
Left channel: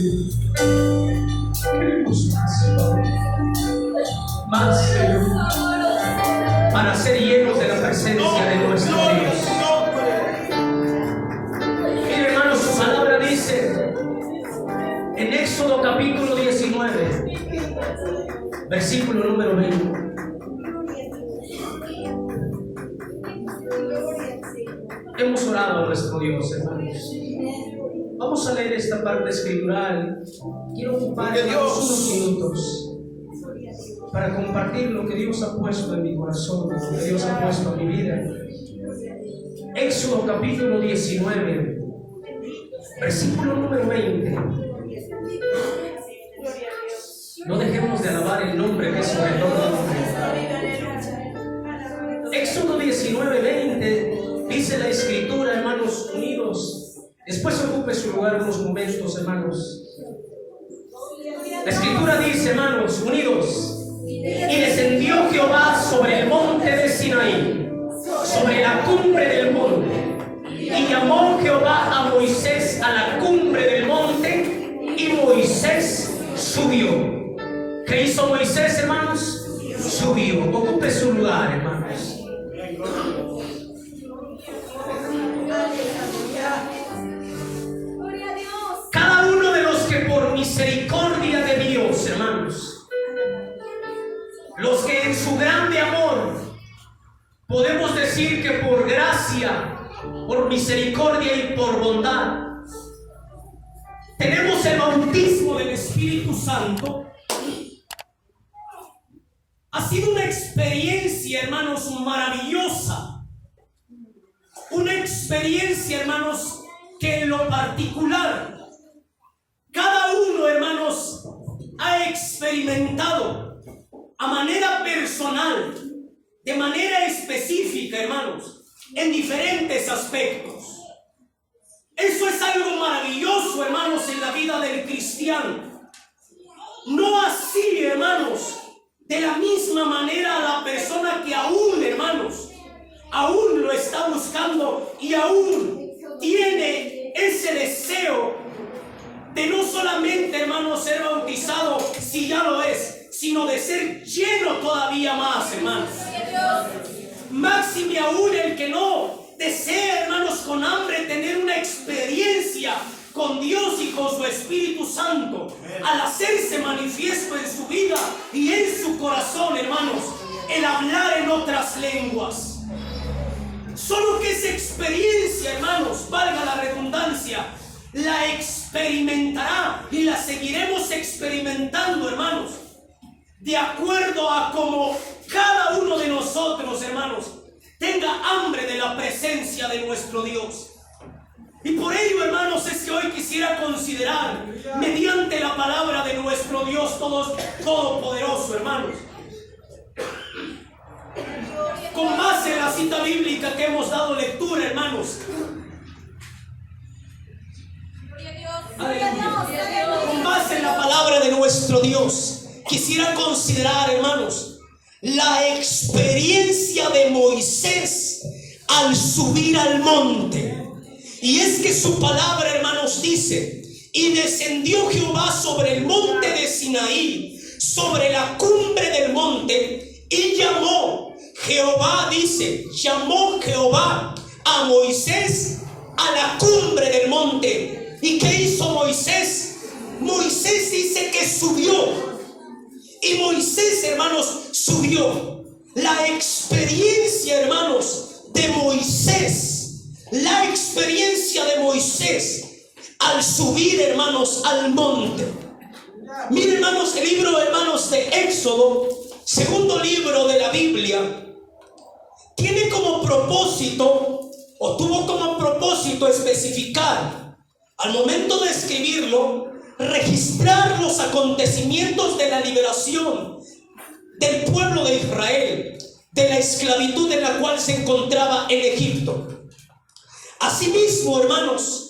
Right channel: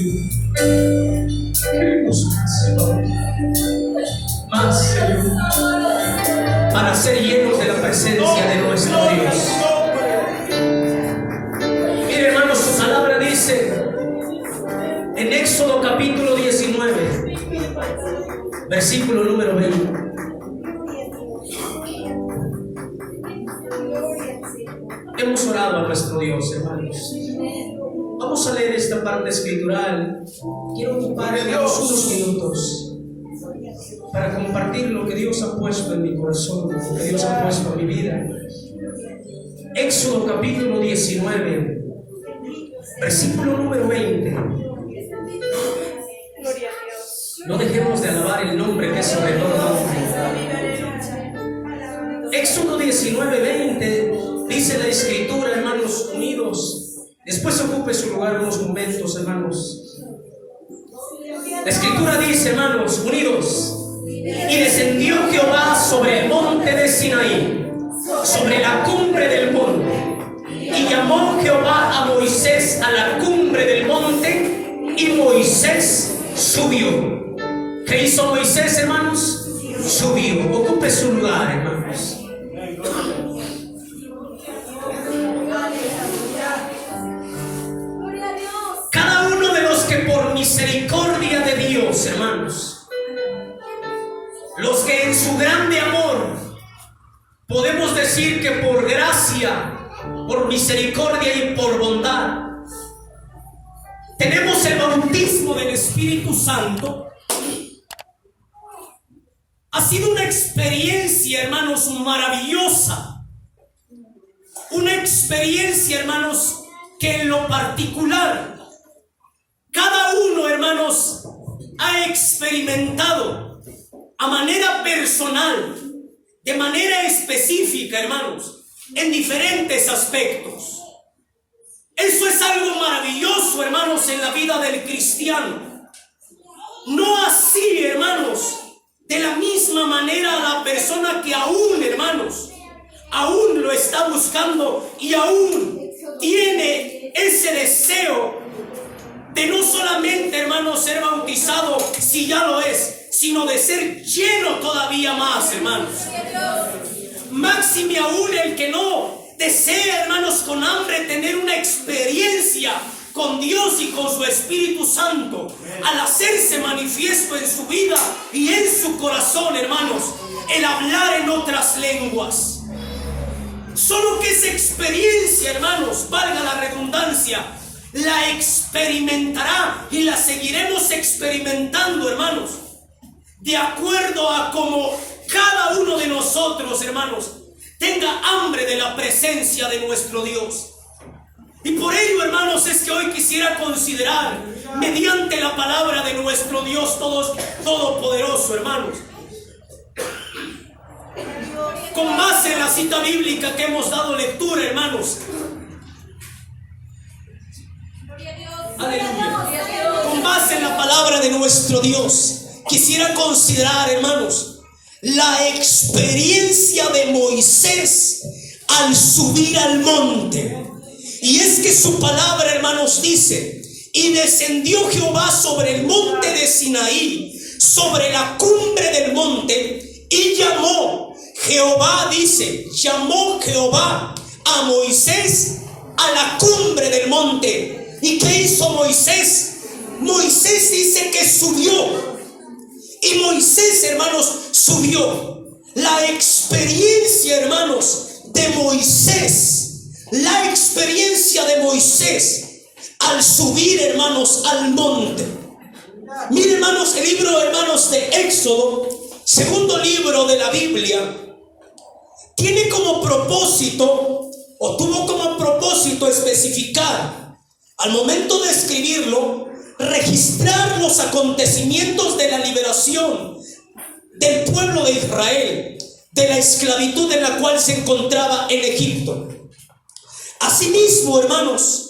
Espíritu. Queremos más, Padre. Más, Señor. Para ser llenos de la presencia de nuestro Dios. Mire, hermanos, su palabra dice en Éxodo capítulo 19, versículo número 20. Hemos orado a nuestro Dios, hermanos. Vamos a leer esta parte escritural. Quiero ocupar unos minutos para compartir lo que Dios ha puesto en mi corazón, lo que Dios ha puesto en mi vida. Éxodo capítulo 19, versículo número 20. No dejemos de alabar el nombre que es sobre todo nombre. Éxodo 19, 20 dice la escritura, hermanos, unidos. Después ocupe su lugar unos momentos, hermanos. La escritura dice, hermanos, unidos. Y descendió Jehová sobre el monte de Sinaí, sobre la cumbre del monte. Y llamó Jehová a Moisés a la cumbre del monte, y Moisés subió. ¿Qué hizo Moisés, hermanos? Subió. Ocupe su lugar, hermanos. Cada uno de los que por misericordia de Dios, hermanos, los que en su grande amor, podemos decir que por gracia, por misericordia y por bondad, tenemos el bautismo del Espíritu Santo. Ha sido una experiencia, hermanos, maravillosa. Una experiencia, hermanos, que en lo particular, cada uno, hermanos, ha experimentado a manera personal, de manera específica, hermanos, en diferentes aspectos. Eso es algo maravilloso, hermanos, en la vida del cristiano. No así, hermanos, de la misma manera la persona que aún, hermanos, aún lo está buscando y aún tiene ese deseo de no solamente, hermanos, ser bautizado si ya lo es, sino de ser lleno todavía más, hermanos. Máxime aún el que no desea, hermanos, con hambre tener una experiencia con Dios y con su Espíritu Santo, al hacerse manifiesto en su vida y en su corazón, hermanos, el hablar en otras lenguas. Solo que esa experiencia, hermanos, valga la redundancia, la experimentará y la seguiremos experimentando, hermanos, de acuerdo a como cada uno de nosotros, hermanos, tenga hambre de la presencia de nuestro Dios. Y por ello, hermanos, es que hoy quisiera considerar, mediante la palabra de nuestro Dios Todopoderoso, hermanos, con base en la cita bíblica que hemos dado lectura, hermanos. Aleluya. Con base en la palabra de nuestro Dios, quisiera considerar, hermanos, la experiencia de Moisés al subir al monte. Y es que su palabra, hermanos, dice: y descendió Jehová sobre el monte de Sinaí, sobre la cumbre del monte, y llamó Jehová, dice, llamó Jehová a Moisés a la cumbre del monte. ¿Y qué hizo Moisés? Moisés dice que subió. Y Moisés, hermanos, subió. La experiencia, hermanos, de Moisés, la experiencia de Moisés al subir, hermanos, al monte. Miren, hermanos, el libro, hermanos, de Éxodo, segundo libro de la Biblia, tiene como propósito, o tuvo como propósito especificar, al momento de escribirlo, registrar los acontecimientos de la liberación del pueblo de Israel, de la esclavitud en la cual se encontraba en Egipto. Asimismo, hermanos,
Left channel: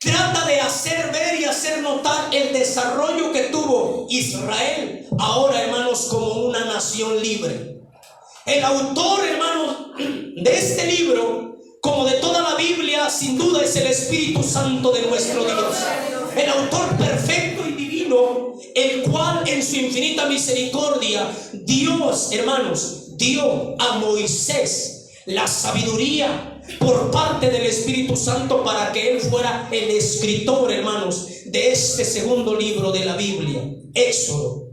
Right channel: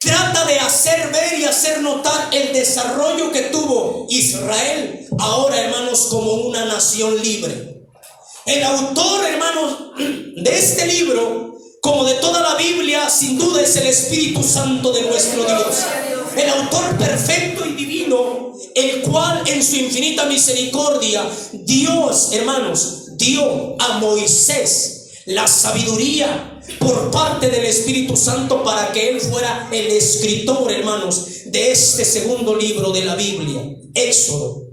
trata de hacer ver y hacer notar el desarrollo que tuvo Israel ahora, hermanos, como una nación libre. El autor, hermanos, de este libro, como de toda la Biblia, sin duda es el Espíritu Santo de nuestro Dios. el autor perfecto y divino, el cual en su infinita misericordia, Dios, hermanos, dio a Moisés la sabiduría por parte del Espíritu Santo para que él fuera el escritor, hermanos, de este segundo libro de la Biblia, Éxodo.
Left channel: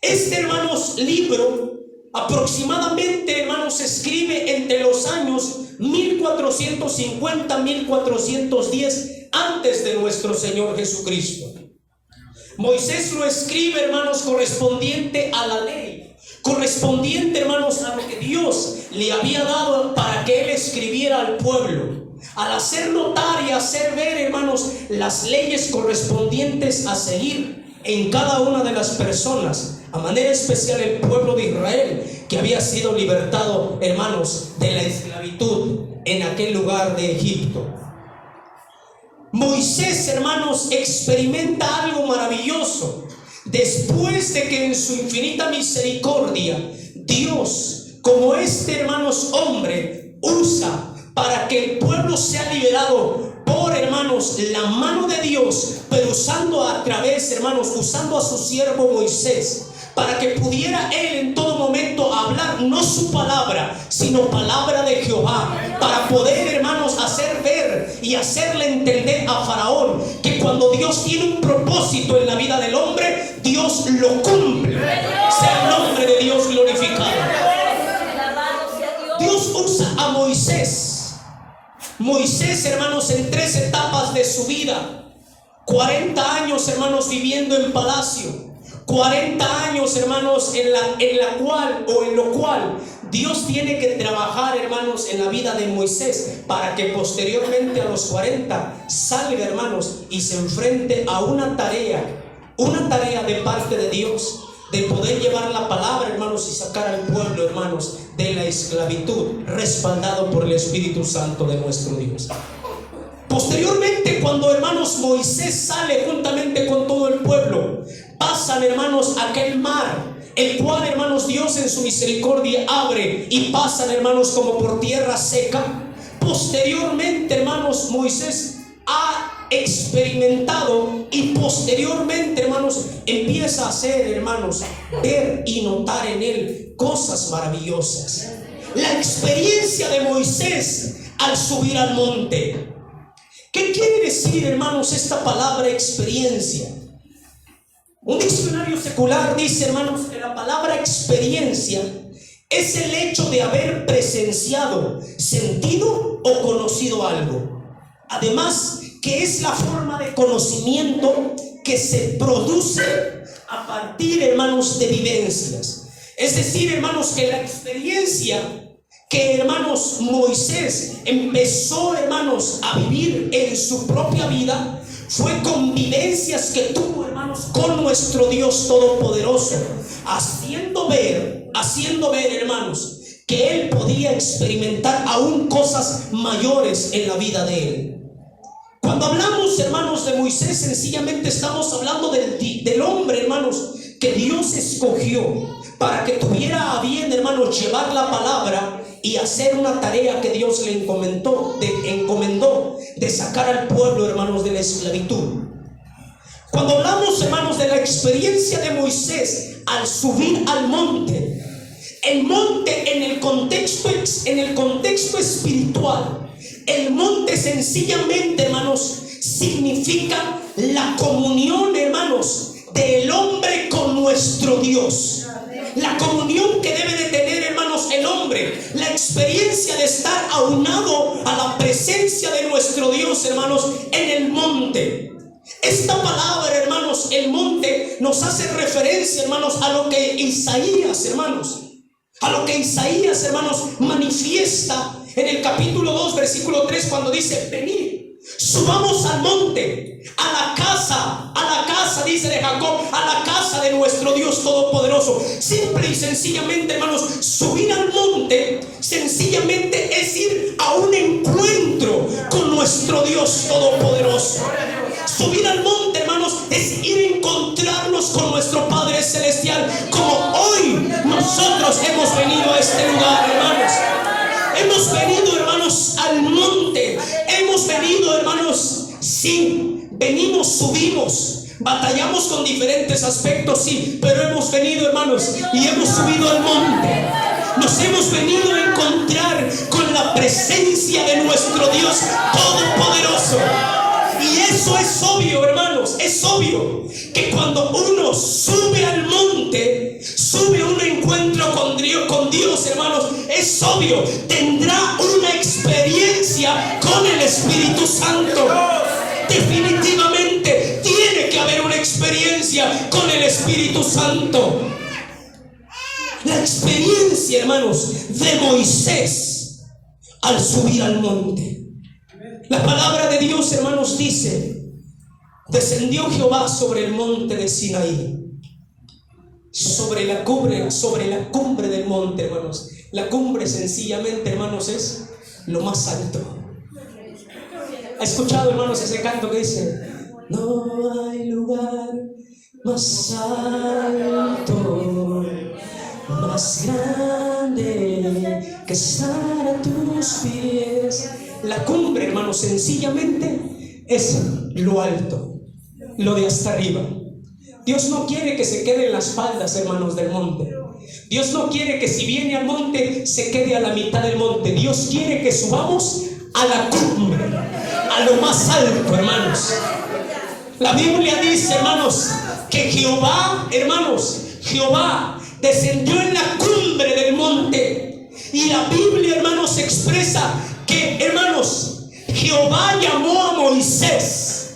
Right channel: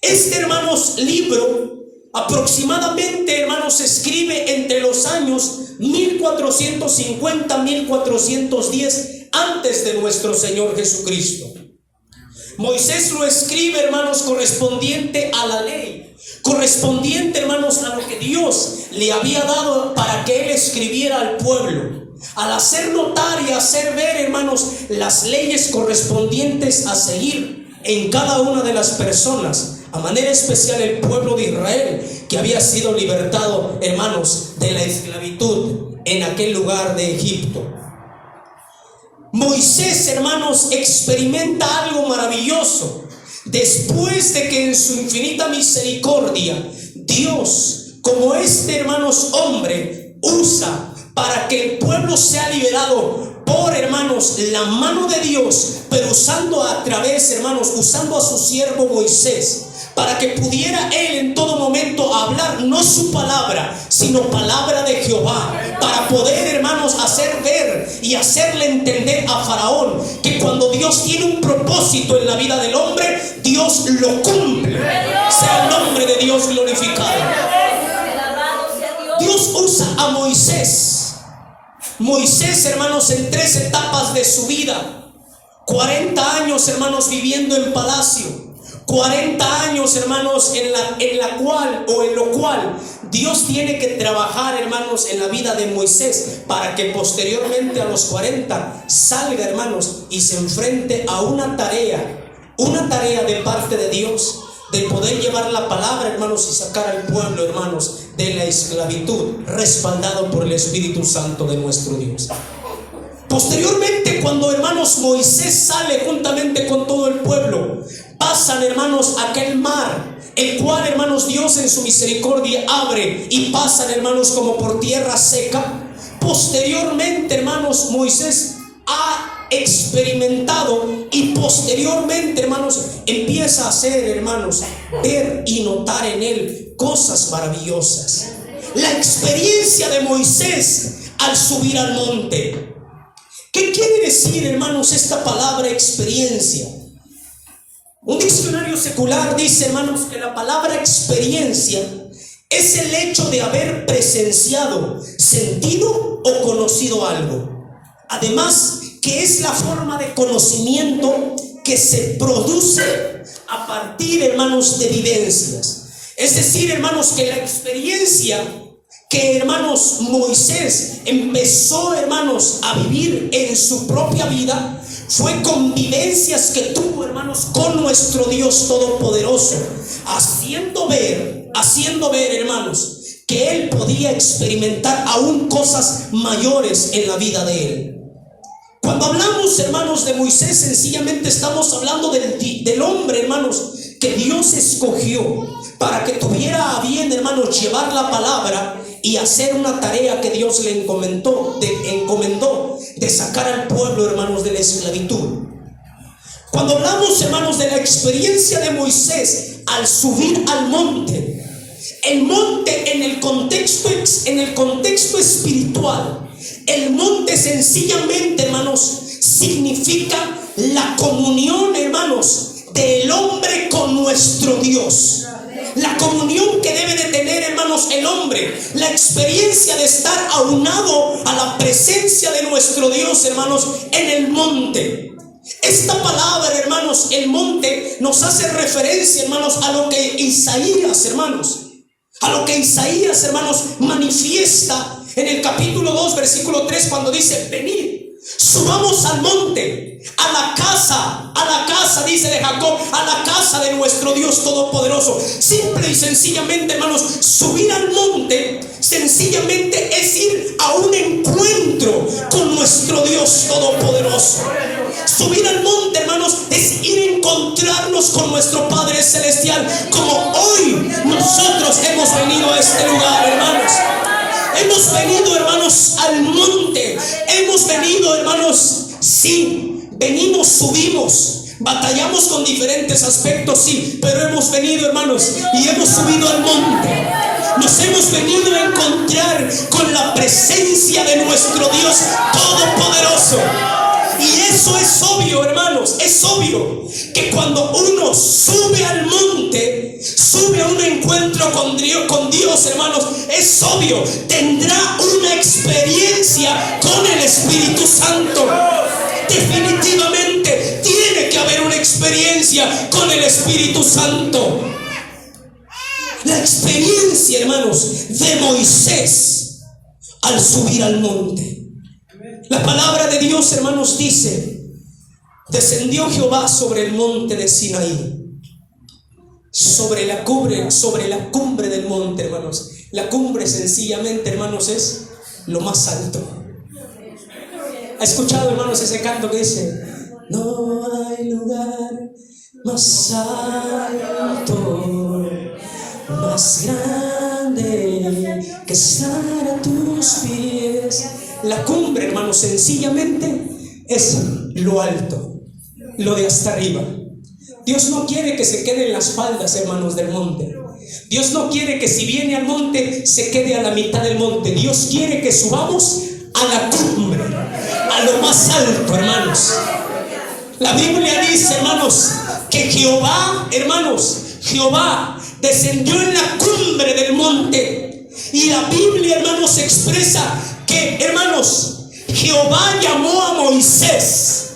Este, hermanos, libro aproximadamente, hermanos, se escribe entre los años 1450-1410 antes de nuestro Señor Jesucristo. Moisés lo escribe, hermanos, correspondiente a la ley, correspondiente, hermanos, a lo que Dios le había dado para que él escribiera al pueblo, al hacer notar y hacer ver, hermanos, las leyes correspondientes a seguir en cada una de las personas, a manera especial el pueblo de Israel, que había sido libertado, hermanos, de la esclavitud en aquel lugar de Egipto. Moisés, hermanos, experimenta algo maravilloso después de que en su infinita misericordia Dios, como este, hermanos, hombre, usa para que el pueblo sea liberado por, hermanos, la mano de Dios, pero usando a través, hermanos, usando a su siervo Moisés, para que pudiera él en todo momento hablar no su palabra, sino palabra de Jehová, para poder, hermanos, hacer ver y hacerle entender a Faraón que cuando Dios tiene un propósito en la vida del hombre, Dios lo cumple. Sea el nombre de Dios glorificado. Dios usa a Moisés. Moisés, hermanos, en 3 etapas de su vida: 40 años, hermanos, viviendo en palacio, 40 años, hermanos, en lo cual Dios tiene que trabajar, hermanos, en la vida de Moisés, para que posteriormente a los 40 salga, hermanos, y se enfrente a una tarea de parte de Dios, de poder llevar la palabra, hermanos, y sacar al pueblo, hermanos, de la esclavitud, respaldado por el Espíritu Santo de nuestro Dios. Posteriormente, cuando, hermanos, Moisés sale juntamente con todo el pueblo, pasan, hermanos, aquel mar, el cual, hermanos, Dios en su misericordia abre y pasan, hermanos, como por tierra seca. Posteriormente, hermanos, Moisés ha experimentado y posteriormente, hermanos, empieza a hacer, hermanos, ver y notar en él cosas maravillosas. La experiencia de Moisés al subir al monte. ¿Qué quiere decir, hermanos, esta palabra experiencia? Un diccionario secular dice, hermanos, que la palabra experiencia es el hecho de haber presenciado, sentido o conocido algo. Además, que es la forma de conocimiento que se produce a partir, hermanos, de vivencias. Es decir, hermanos, que la experiencia que, hermanos, Moisés empezó, hermanos, a vivir en su propia vida fue con vivencias que tuvo, hermanos, con nuestro Dios Todopoderoso, haciendo ver, hermanos, que él podía experimentar aún cosas mayores en la vida de él. Cuando hablamos, hermanos, de Moisés, sencillamente estamos hablando del hombre, hermanos, que Dios escogió para que tuviera a bien, hermanos, llevar la palabra y hacer una tarea que Dios le encomendó de sacar al pueblo, hermanos, de la esclavitud. Cuando hablamos, hermanos, de la experiencia de Moisés al subir al monte, el monte en el contexto espiritual, el monte sencillamente, hermanos, significa la comunión, hermanos, del hombre con nuestro Dios. La comunión que debe de tener, hermanos, el hombre, la experiencia de estar aunado a la presencia de nuestro Dios, hermanos, en el monte. Esta palabra, hermanos, el monte, nos hace referencia, hermanos, a lo que Isaías, hermanos, manifiesta en el capítulo 2, versículo 3, cuando dice: venid, subamos al monte, a la casa, dice, de Jacob, a la casa de nuestro Dios Todopoderoso. Simple y sencillamente, hermanos, subir al monte sencillamente es ir a un encuentro con nuestro Dios Todopoderoso. Subir al monte, hermanos, es ir a encontrarnos con nuestro Padre Celestial, como hoy nosotros hemos venido a este lugar, hermanos. Hemos venido, hermanos, al monte. Hemos venido, hermanos, sí, venimos, subimos, batallamos con diferentes aspectos, sí, pero hemos venido, hermanos, y hemos subido al monte. Nos hemos venido a encontrar con la presencia de nuestro Dios Todopoderoso. Y eso es obvio, hermanos, es obvio que cuando uno sube al monte, sube a un encuentro con Dios, hermanos, es obvio, tendrá una experiencia con el Espíritu Santo. Definitivamente tiene que haber una experiencia con el Espíritu Santo. La experiencia, hermanos, de Moisés al subir al monte. La palabra de Dios, hermanos, dice: descendió Jehová sobre el monte de Sinaí, sobre la cumbre del monte, hermanos. La cumbre, sencillamente, hermanos, es lo más alto. ¿Ha escuchado, hermanos, ese canto que dice: no hay lugar más alto, más grande que estar a tus pies? La cumbre, hermanos, sencillamente es lo alto, lo de hasta arriba. Dios no quiere que se quede en las faldas, hermanos, del monte. Dios no quiere que si viene al monte se quede a la mitad del monte. Dios quiere que subamos a la cumbre, a lo más alto, hermanos. La Biblia dice, hermanos, que Jehová, hermanos, Jehová descendió en la cumbre del monte. Y la Biblia, hermanos, expresa que, hermanos, Jehová llamó a Moisés.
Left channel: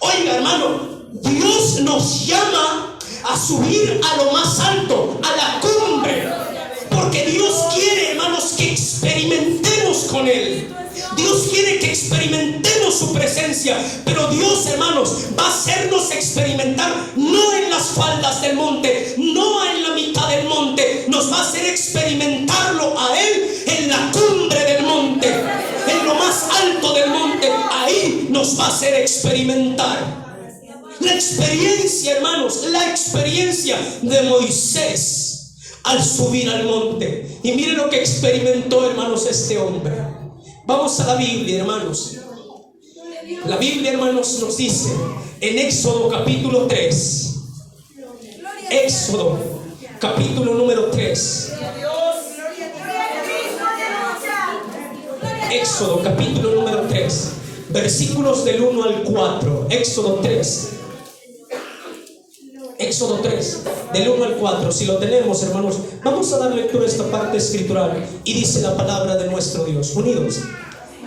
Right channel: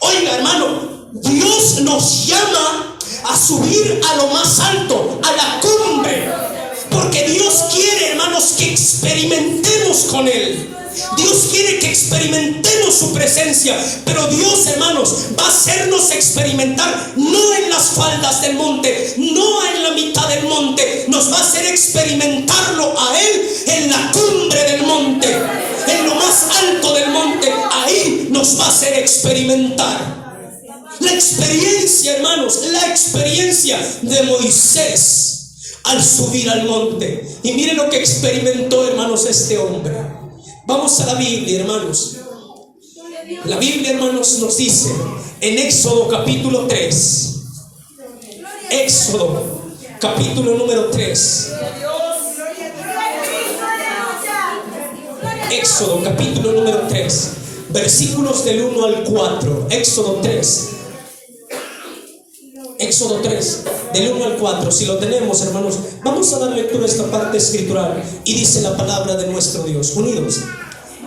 Oiga, hermano, Dios nos llama a subir a lo más alto, a la cumbre, porque Dios quiere, hermanos, que experimentemos con Él. Dios quiere que experimentemos su presencia, pero Dios, hermanos, va a hacernos experimentar no en las faldas del monte, no en la mitad del monte. Nos va a hacer experimentarlo a Él en la cumbre del monte, en lo más alto del monte. Ahí nos va a hacer experimentar. La experiencia, hermanos, la experiencia de Moisés al subir al monte. Y miren lo que experimentó, hermanos, este hombre. Vamos a la Biblia, hermanos. La Biblia, hermanos, nos dice en Éxodo capítulo 3. Éxodo capítulo número 3. Éxodo capítulo número 3, versículos del 1 al 4. Éxodo 3. Éxodo 3, del 1 al 4. Si lo tenemos, hermanos, vamos a dar lectura a esta parte escritural. Y dice la palabra de nuestro Dios. Unidos.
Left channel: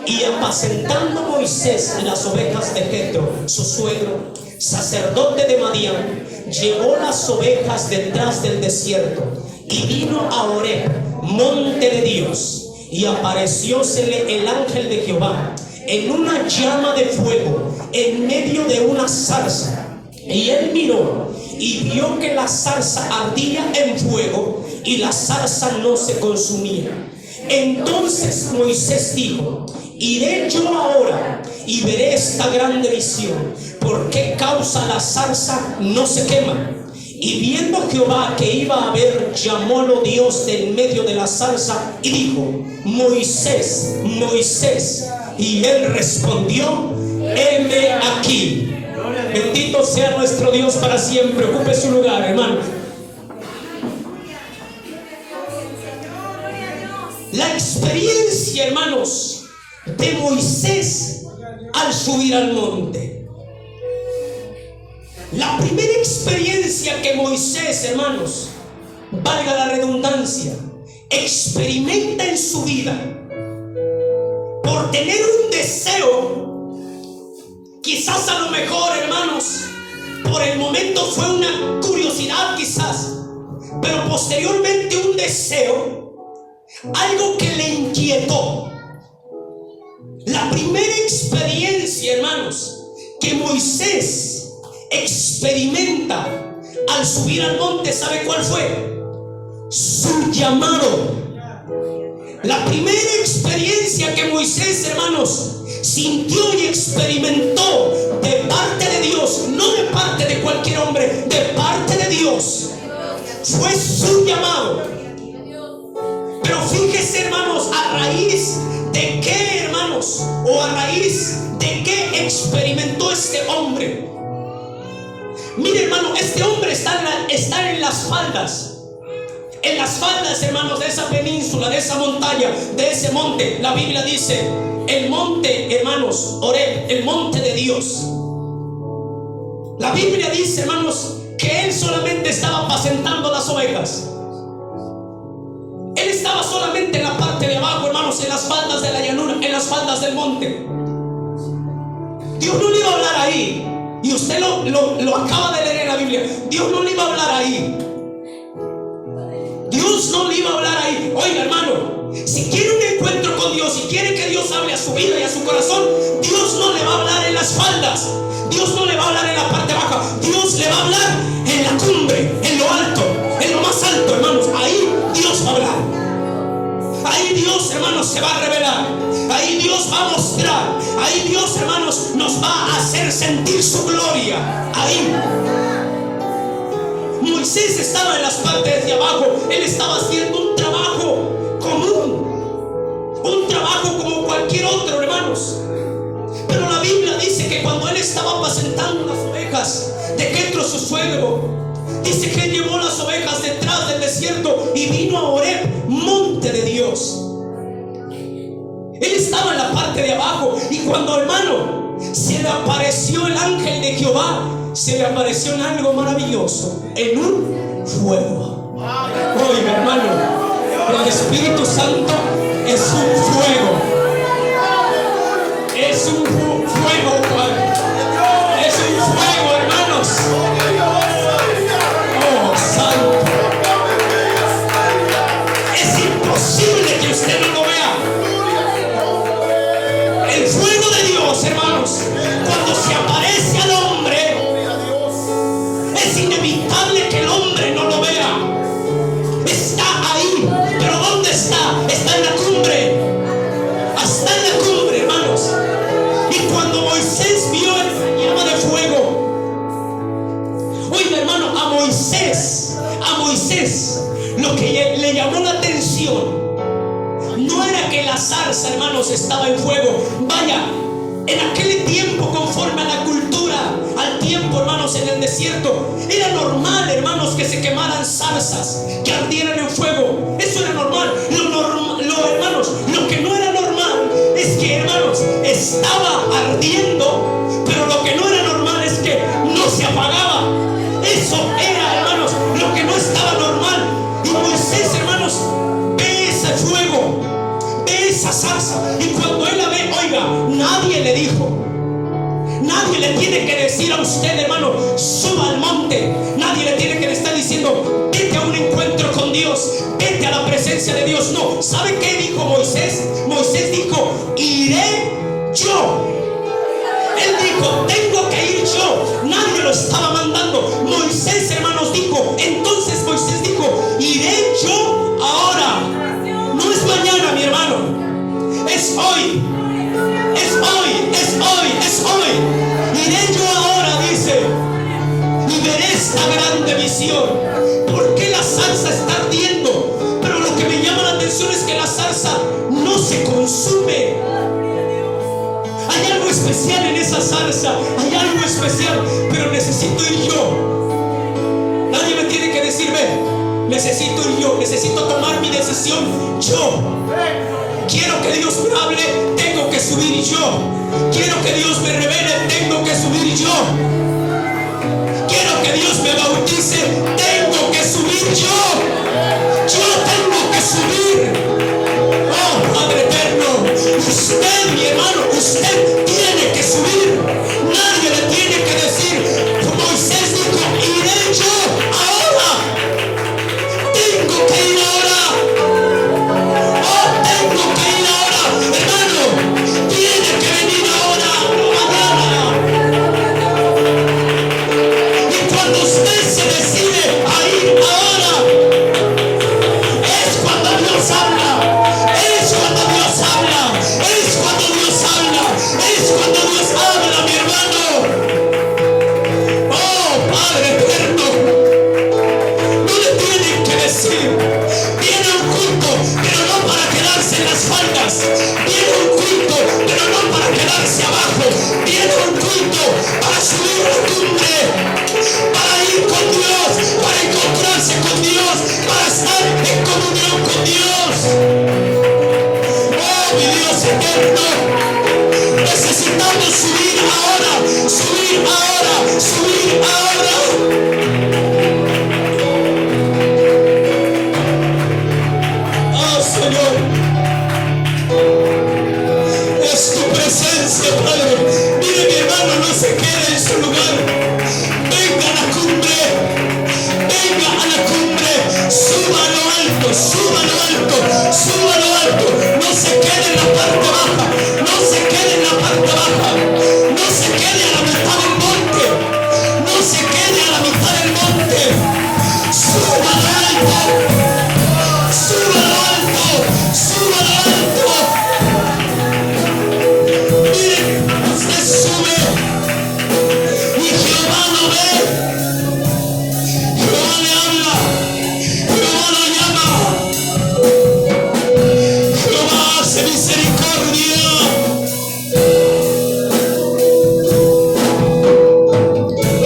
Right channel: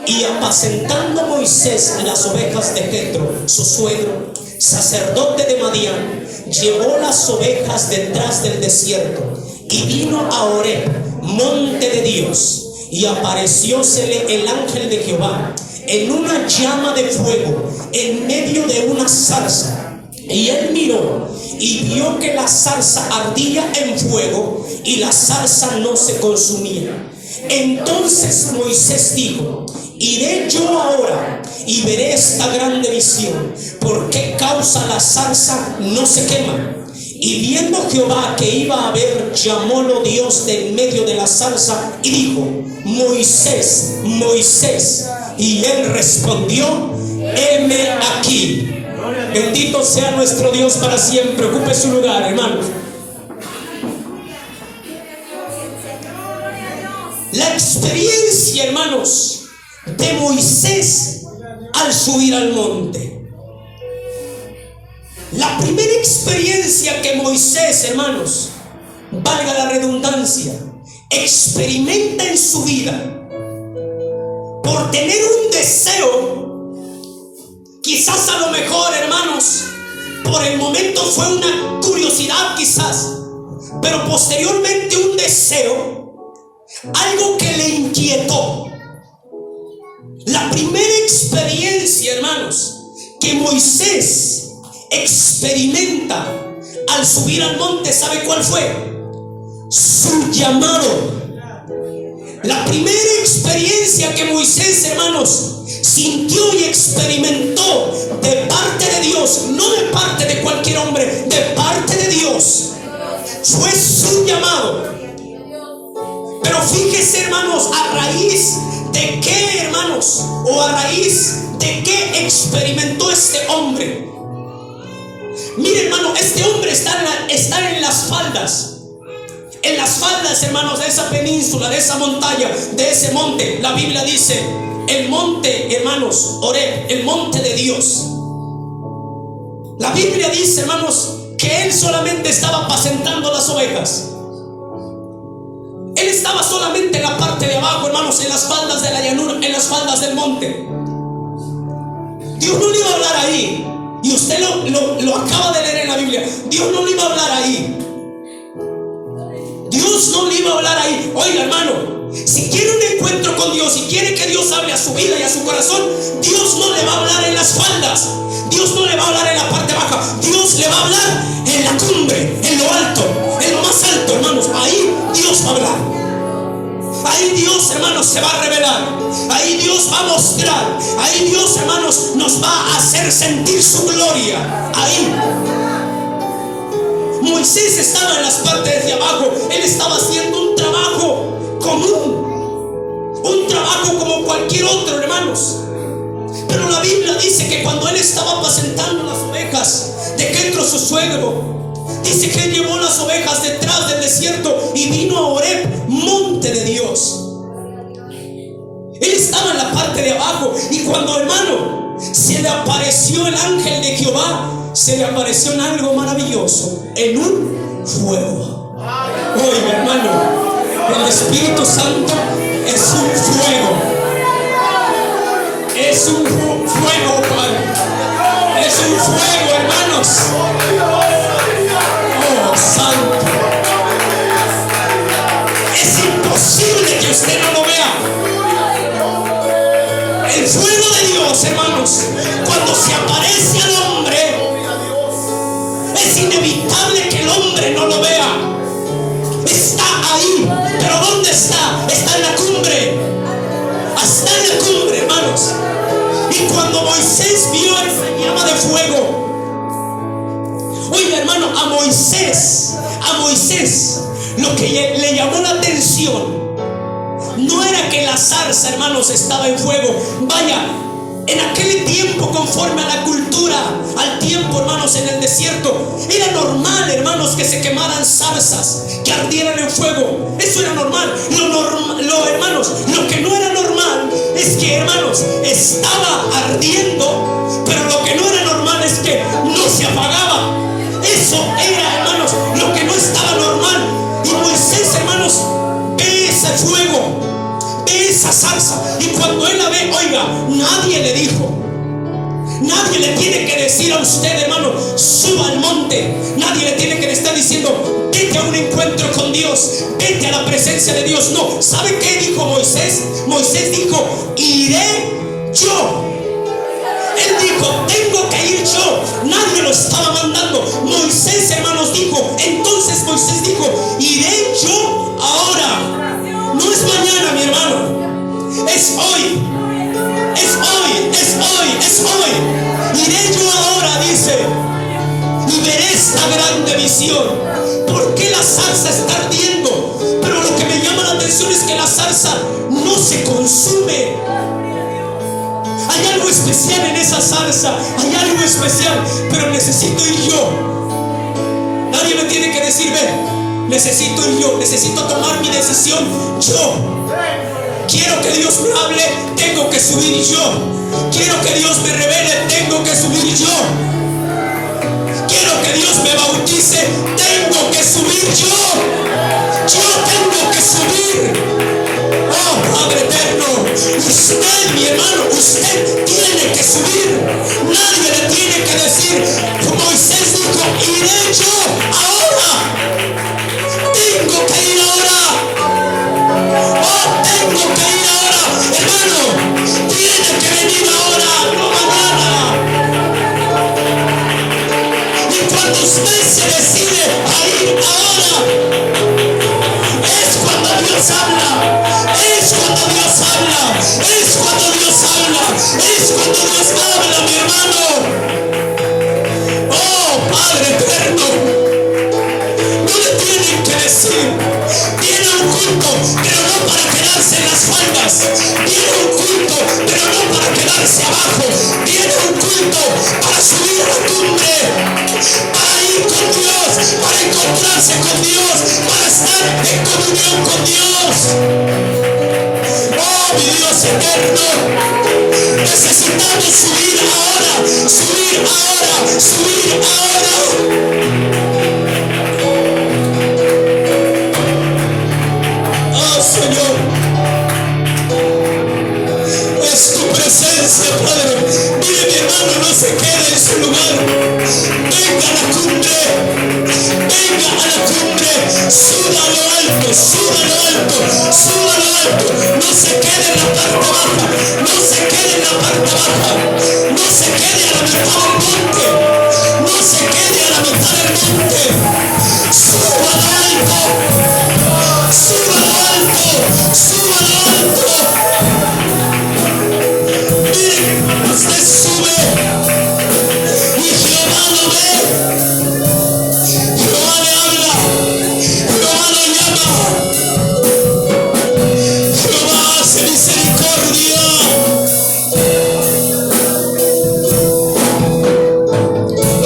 Y apacentando Moisés las ovejas de Jetro, su suegro, sacerdote de Madián, llevó las ovejas detrás del desierto y vino a Horeb, monte de Dios. Y apareciósele el ángel de Jehová en una llama de fuego en medio de una zarza. Y él miró y vio que la zarza ardía en fuego y la zarza no se consumía. Entonces Moisés dijo: iré yo ahora y veré esta grande visión. ¿Por qué causa la zarza no se quema? Y viendo Jehová que iba a ver, llamólo Dios del medio de la zarza y dijo: Moisés, Moisés. Y él respondió: heme aquí. Bendito sea nuestro Dios para siempre. Ocupe su lugar, hermanos. La experiencia, hermanos, de Moisés al subir al monte. La primera experiencia que Moisés, hermanos, valga la redundancia, experimenta en su vida por tener un deseo. Quizás a lo mejor, hermanos, por el momento fue una curiosidad quizás, pero posteriormente un deseo, algo que le inquietó. La primera experiencia, hermanos, que Moisés experimenta al subir al monte, ¿sabe cuál fue? Su llamado. La primera experiencia que Moisés, hermanos, sintió y experimentó de parte de Dios, no de parte de cualquier hombre, de parte de Dios, fue su llamado. Pero fíjese, hermanos, a raíz de qué, hermanos, o a raíz de qué experimentó este hombre. Mire, hermano, este hombre está en las faldas. En las faldas, hermanos, de esa península, de esa montaña, de ese monte. La Biblia dice, el monte, hermanos, Horeb, el monte de Dios. La Biblia dice, hermanos, que él solamente estaba apacentando las ovejas. Él estaba solamente en la parte de abajo, hermanos, en las faldas de la llanura, en las faldas del monte. Dios no le iba a hablar ahí. Y usted lo acaba de leer en la Biblia. Dios no le iba a hablar ahí. Dios no le iba a hablar ahí. Oiga, hermano, si quiere un encuentro con Dios, si quiere que Dios hable a su vida y a su corazón, Dios no le va a hablar en las faldas. Dios no le va a hablar en la parte baja. Dios le va a hablar en la cumbre, en lo alto, en lo más alto, hermanos. Ahí Dios va a hablar. Ahí Dios, hermanos, se va a revelar. Ahí Dios va a mostrar. Ahí Dios, hermanos, nos va a hacer sentir su gloria. Ahí. Moisés estaba en las partes de abajo. Él estaba haciendo un trabajo común, un trabajo como cualquier otro, hermanos. Pero la Biblia dice que cuando él estaba apacentando las ovejas de Jetro, su suegro, dice que él llevó las ovejas detrás del desierto y vino a Horeb, monte de Dios. Él estaba en la parte de abajo, y cuando, hermano, se le apareció el ángel de Jehová, se le apareció en algo maravilloso, en un fuego. Oiga, hermano, el Espíritu Santo es un fuego. Es un fuego, Juan. Es un fuego, hermanos. Oh, santo. Es imposible que usted no lo vea. El fuego de Dios, hermanos, cuando se aparece al hombre, es inevitable que el hombre no lo vea. Está ahí. ¿Pero dónde está? Está en la cumbre. Está en la cumbre, hermanos. Y cuando Moisés vio esa llama de fuego, oiga, hermano, a Moisés, lo que le llamó la atención no era que la zarza, hermanos, estaba en fuego. Vaya, en aquel tiempo, conforme a la cultura, al tiempo, hermanos, en el desierto, era normal, hermanos, que se quemaran zarzas, que ardieran en fuego. Eso era normal. Hermanos, lo que no era normal es que, hermanos, estaba ardiendo, pero lo que no era normal es que no se apagaba. Eso era, hermanos, lo que no estaba normal. Y Moisés, hermanos, ve ese fuego, ve esa zarza, y cuando él la ve, oiga, nadie le dijo, nadie le tiene que decir a usted, hermano, suba al monte. Nadie le tiene que estar diciendo, vete a un encuentro con Dios, vete a la presencia de Dios. No, ¿sabe qué dijo Moisés? Moisés dijo, iré yo. Él dijo, tengo que ir yo. Nadie lo estaba mandando. Moisés, hermanos, dijo. Entonces Moisés dijo, iré yo ahora. No es mañana, mi hermano. Es hoy. Es hoy, es hoy, es hoy. Iré yo ahora, dice, y veré esta grande visión. ¿Por qué la zarza está ardiendo? Pero lo que me llama la atención es que la zarza no se consume. Hay algo especial en esa zarza, hay algo especial, pero necesito ir yo. Nadie me tiene que decir, ve, necesito ir yo, necesito tomar mi decisión yo. Quiero que Dios me hable, tengo que subir yo. Quiero que Dios me revele, tengo que subir yo. Quiero que Dios me bautice, tengo que subir yo. Yo tengo que subir. Oh, Padre eterno, usted, mi hermano, usted tiene que subir. Nadie le tiene que decir. Moisés dijo, iré yo ahora. Tengo que ir ahora. Oh, tengo que ir ahora. Hermano, tiene que venir ahora, no mañana. Y cuando usted se decide a ir ahora, es cuando Dios abajo viene un culto para subir a la cumbre, para ir con Dios, para encontrarse con Dios, para estar en comunión con Dios. Oh, mi Dios eterno, necesitamos subir ahora, subir ahora, subir ahora. Oh, Señor, es tu presencia, Padre. Mire, mi hermano, no se quede en su lugar. Venga a la cumbre, venga a la cumbre, suba a lo alto, suba a lo alto, suba a lo alto. No se quede en la parte baja, no se quede en la parte baja, no se quede a la mitad del monte, no se quede a la mitad del monte. Suba a lo alto, suba a lo alto, suba a lo alto. Mire, usted sube y Jehová lo ve, Jehová le habla, Jehová lo llama, Jehová hace misericordia.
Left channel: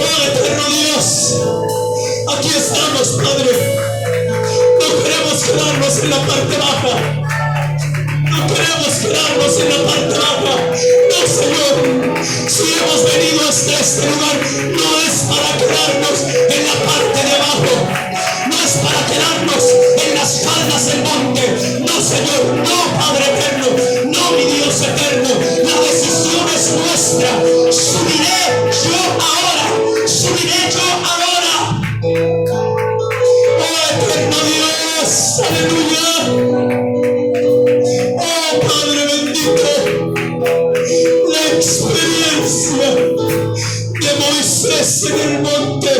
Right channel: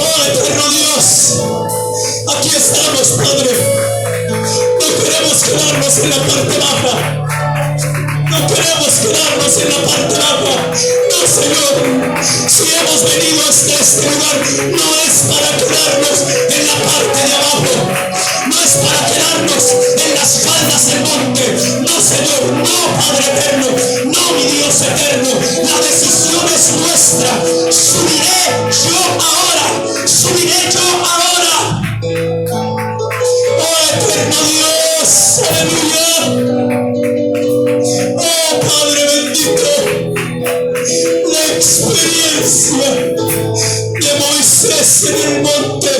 Oh, eterno Dios, aquí estamos, Padre. No queremos quedarnos en la parte baja. No queremos quedarnos en la parte baja. No, Señor. Si hemos venido hasta este lugar, no es para quedarnos en la parte de abajo. No es para quedarnos en las faldas del monte. No, Señor. No, Padre eterno. No, mi Dios eterno. La decisión es nuestra. Subiré yo ahora. Subiré yo ahora. Oh, eterno Dios. Aleluya. Oh, Padre bendito, la experiencia de Moisés en el monte,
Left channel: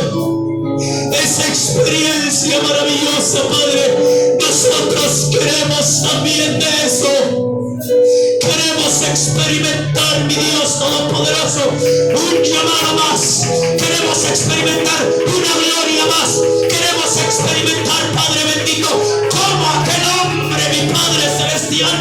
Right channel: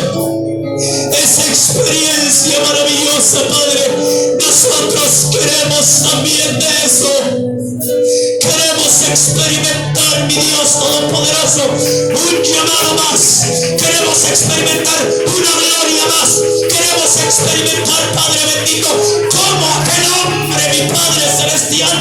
esa experiencia maravillosa, Padre, nosotros queremos también de eso. Queremos experimentar, mi Dios Todopoderoso, un llamado más. Queremos experimentar una gloria más. Queremos experimentar, Padre bendito, como aquel hombre, mi Padre celestial,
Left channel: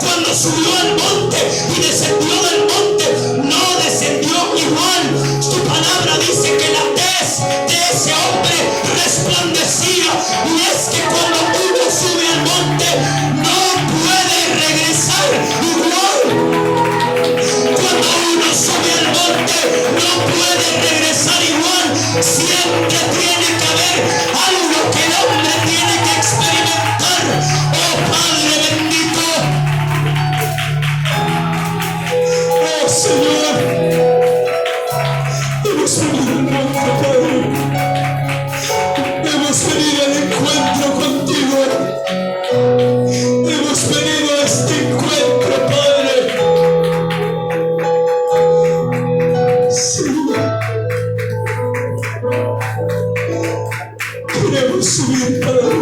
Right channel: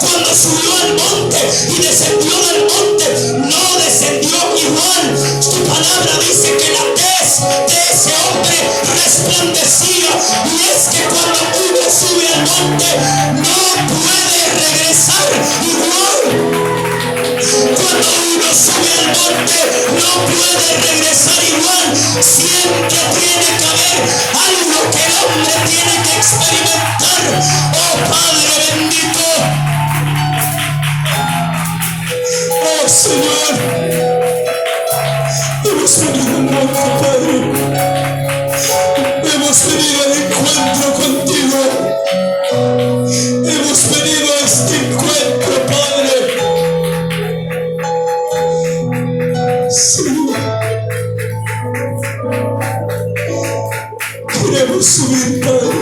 cuando subió al monte y descendió del monte, no descendió igual. Tu palabra dice que la tez de ese hombre resplandecía, y es que cuando uno sube al monte no puede regresar igual. Cuando uno sube al monte no puede regresar igual. Siempre tiene que haber algo que el hombre tiene que experimentar. Oh, Padre bendito. Oh, Señor, hemos venido al monte, Padre. Hemos venido al encuentro contigo. Hemos venido a este encuentro, Padre. Señor, queremos subir, Padre.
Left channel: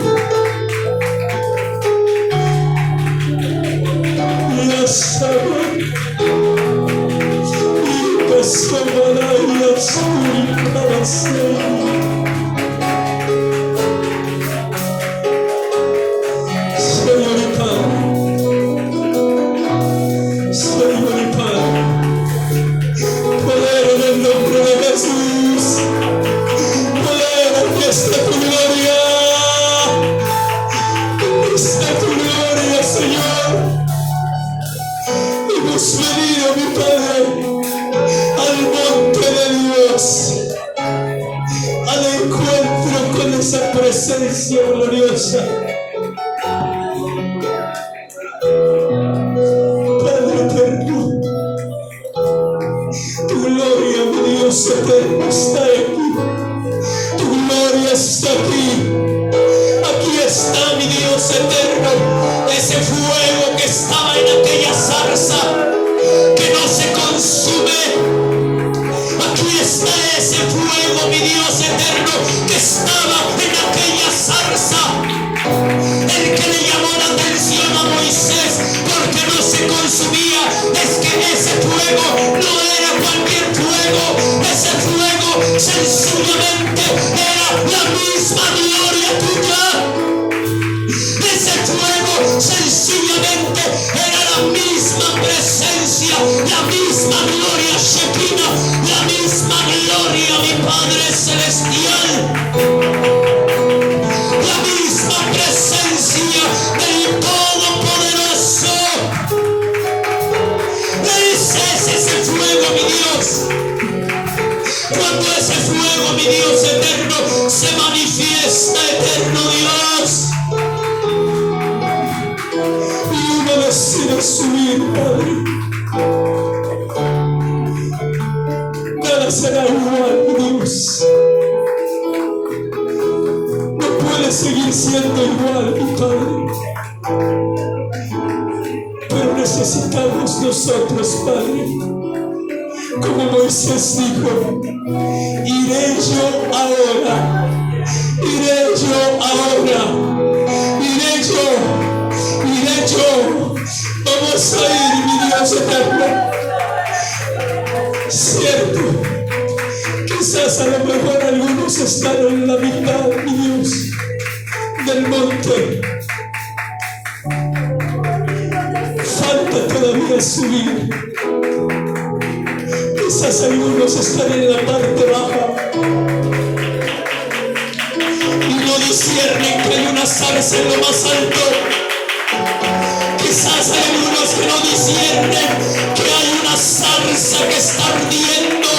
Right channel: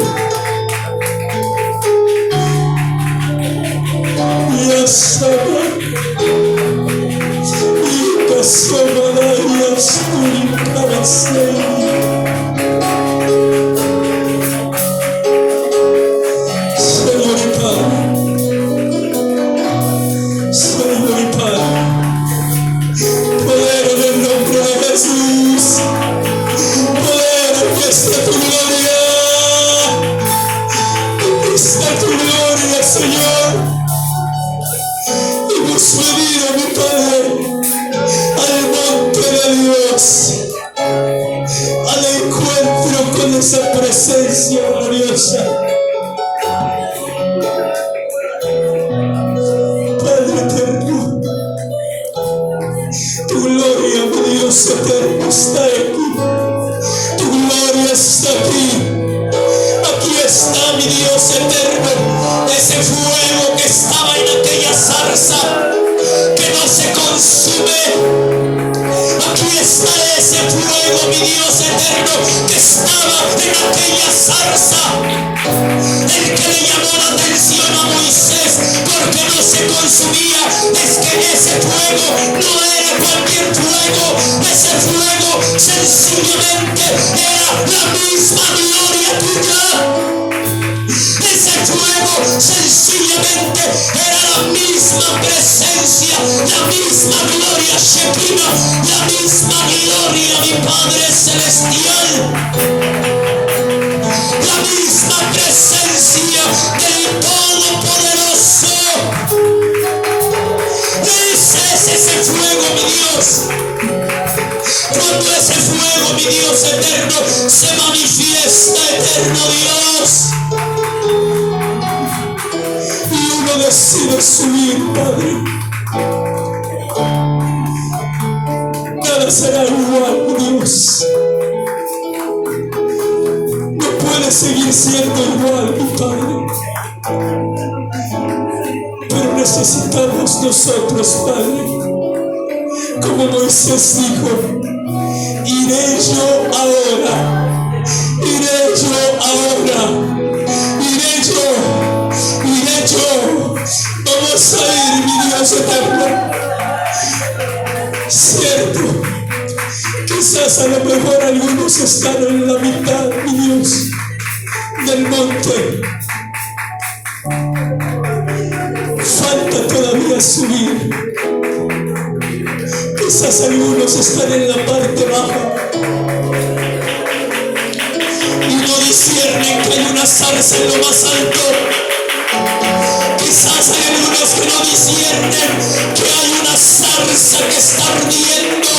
Y a saber, y a saber, y a subir para Señor. Señor y Padre, Señor y Padre, poder en el nombre de Jesús, poder, aquí está tu gloria, aquí está tu gloria, Señor. Hemos venido, mi Padre, al monte de Dios, al encuentro con esa presencia gloriosa. Padre eterno, tu gloria, mi Dios eterno, está aquí. Tu gloria está aquí. Aquí está, mi Dios eterno, ese fuego que estaba en aquella zarza, que no se consume. Aquí está ese fuego, mi Dios eterno, que estaba en aquella zarza. El que le llamó la atención a Moisés porque no se consumía es que ese fuego no era cualquier fuego. Ese fuego sencillamente era la misma gloria tuya. Ese fuego sencillamente era la misma presencia, la misma misma gloria Shekinah, la misma gloria, mi Padre Celestial, la misma presencia del Todopoderoso. Ese es el fuego, mi Dios. Cuando ese fuego, mi Dios eterno, se manifiesta, eterno Dios, y uno decide subir, Padre, nada será igual, mi Dios. No puede seguir siendo igual, mi Padre. Pero necesitamos nosotros, Padre, como Moisés dijo, iré yo ahora, iré yo ahora, iré yo, vamos a ir, mi Dios eterno. Cierto, quizás a lo mejor algunos están en la mitad, mi Dios, del monte. Falta todavía subir. Quizás algunos están en la parte baja y no disciernen que hay una zarza en lo más alto. Quizás hay algunos que no disciernen que hay una zarza que está ardiendo,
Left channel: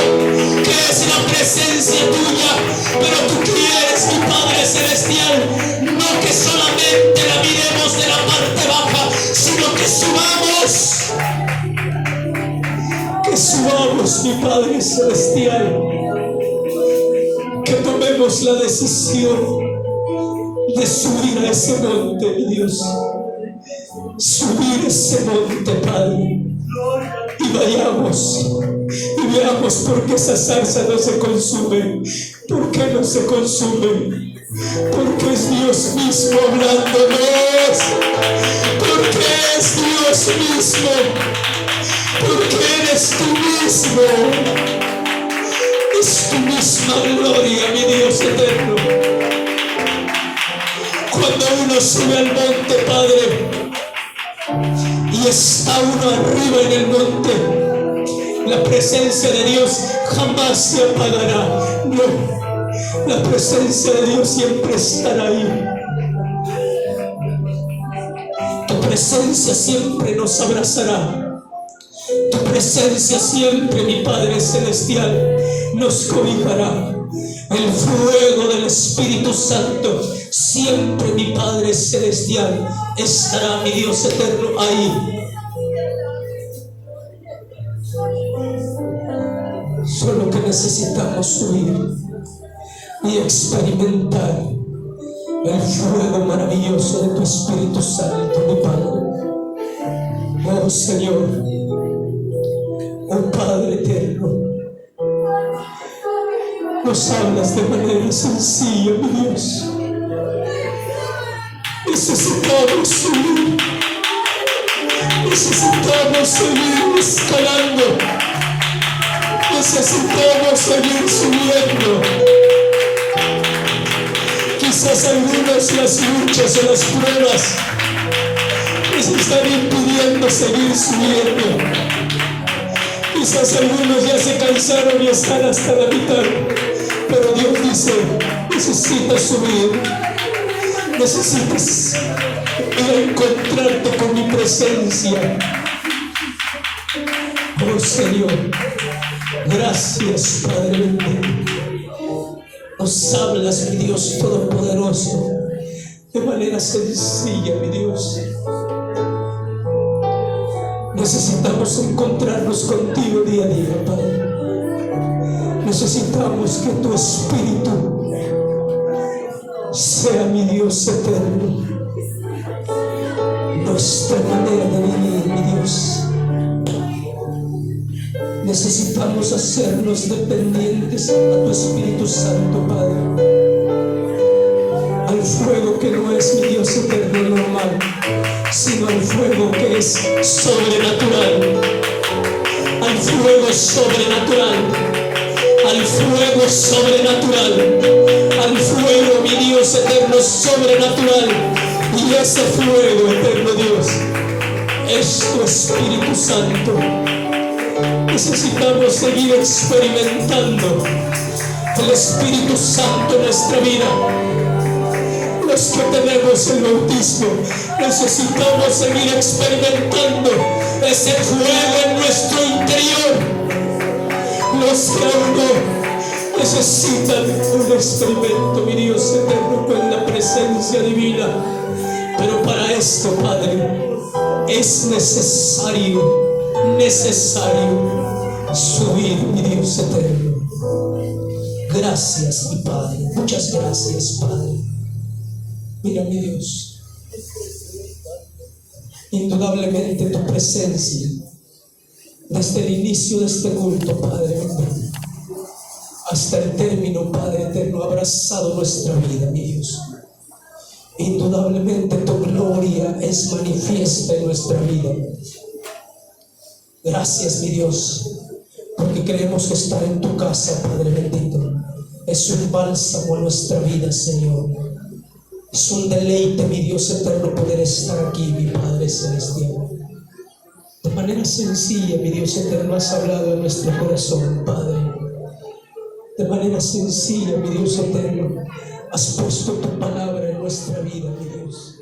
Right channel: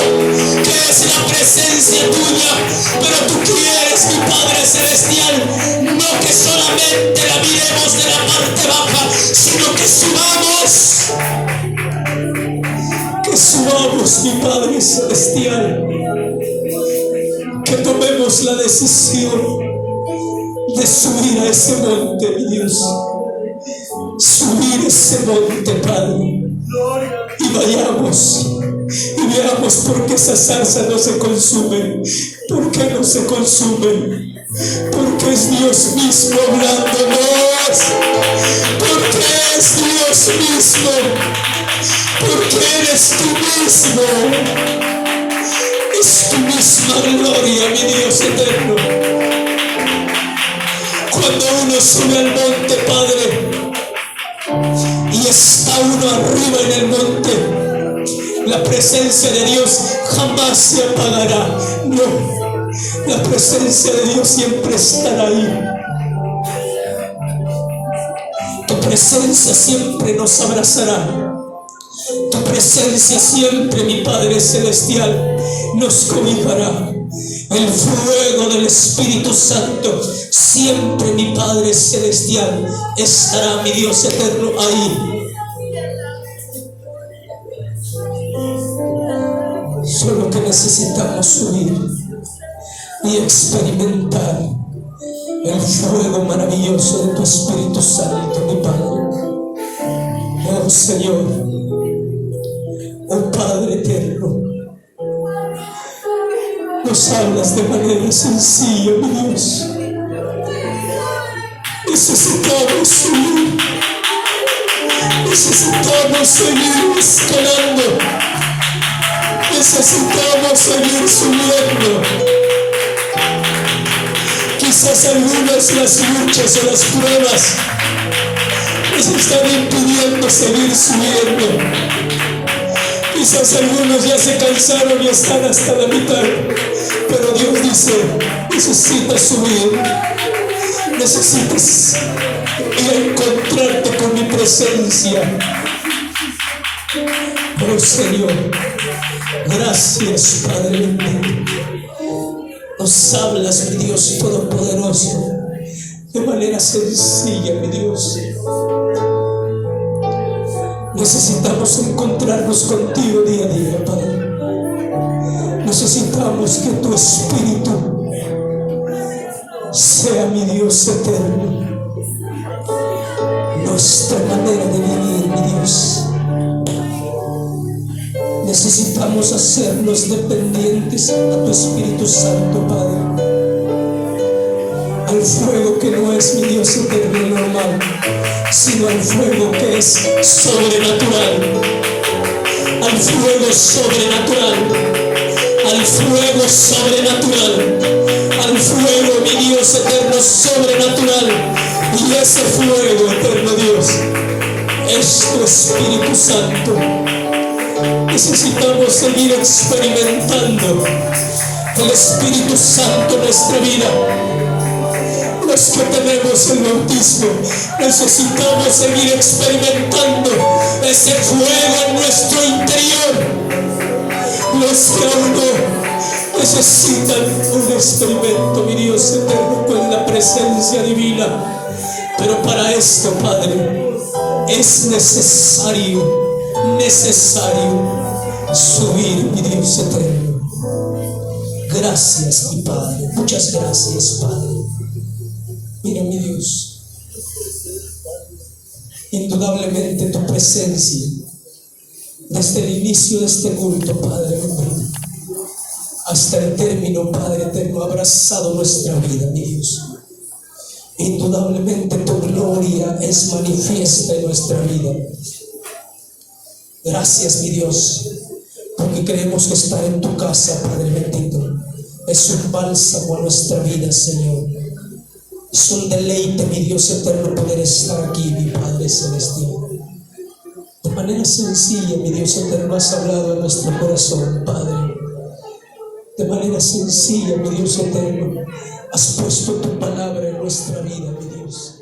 que es la presencia tuya. Pero tú quieres, mi Padre Celestial, no que solamente la miremos de la parte baja, sino que subamos, mi Padre Celestial, que tomemos la decisión de subir a ese monte, mi Dios, subir ese monte, Padre, y vayamos y veamos por qué esa zarza no se consume. ¿Por qué no se consume? Porque es Dios mismo hablándonos, porque es Dios mismo, porque eres tú mismo, es tu misma gloria, mi Dios eterno. Cuando uno sube al monte, Padre, y está uno arriba en el monte, la presencia de Dios jamás se apagará. No, la presencia de Dios siempre estará ahí. Tu presencia siempre nos abrazará. Tu presencia siempre, mi Padre Celestial, nos cobijará. El fuego del Espíritu Santo siempre, mi Padre Celestial, estará, mi Dios eterno, ahí. Solo que necesitamos subir y experimentar el fuego maravilloso de tu Espíritu Santo, mi Padre. Oh Señor, oh Padre eterno, nos hablas de manera sencilla, mi Dios. Necesitamos subir, necesitamos seguir escalando, necesitamos seguir subiendo. Quizás algunas las luchas o las pruebas nos están impidiendo seguir subiendo. Quizás algunos ya se cansaron y están hasta la mitad, pero Dios dice, necesitas subir, necesitas ir a encontrarte con mi presencia. Oh Señor, gracias, Padre bendito. Nos hablas, mi Dios Todopoderoso, de manera sencilla, mi Dios. Necesitamos encontrarnos contigo día a día, Padre. Necesitamos que tu Espíritu sea, mi Dios eterno, nuestra manera de vivir, mi Dios. Necesitamos hacernos dependientes a tu Espíritu Santo, Padre. Al fuego que no es, mi Dios eterno y normal, sino al fuego que es sobrenatural. Al fuego sobrenatural. Al fuego sobrenatural. Al fuego, mi Dios eterno, sobrenatural. Y ese fuego, eterno Dios, es tu Espíritu Santo. Necesitamos seguir experimentando el Espíritu Santo en nuestra vida. Los que tenemos el bautismo necesitamos seguir experimentando ese fuego en nuestro interior. Los que aún no necesitan un experimento, mi Dios eterno, con la presencia divina. Pero para esto, Padre, es necesario subir, mi Dios eterno. Gracias, mi Padre, muchas gracias, Padre. Mira, mi Dios, indudablemente tu presencia desde el inicio de este culto, Padre, hasta el término, Padre eterno, ha abrazado nuestra vida, mi Dios. Indudablemente tu gloria es manifiesta en nuestra vida. Gracias, mi Dios, porque creemos que estar en tu casa, Padre bendito, es un bálsamo a nuestra vida, Señor. Es un deleite, mi Dios eterno, poder estar aquí, mi Padre celestial. De manera sencilla, mi Dios eterno, has hablado a nuestro corazón, Padre. De manera sencilla, mi Dios eterno, has puesto tu palabra en nuestra vida, mi Dios.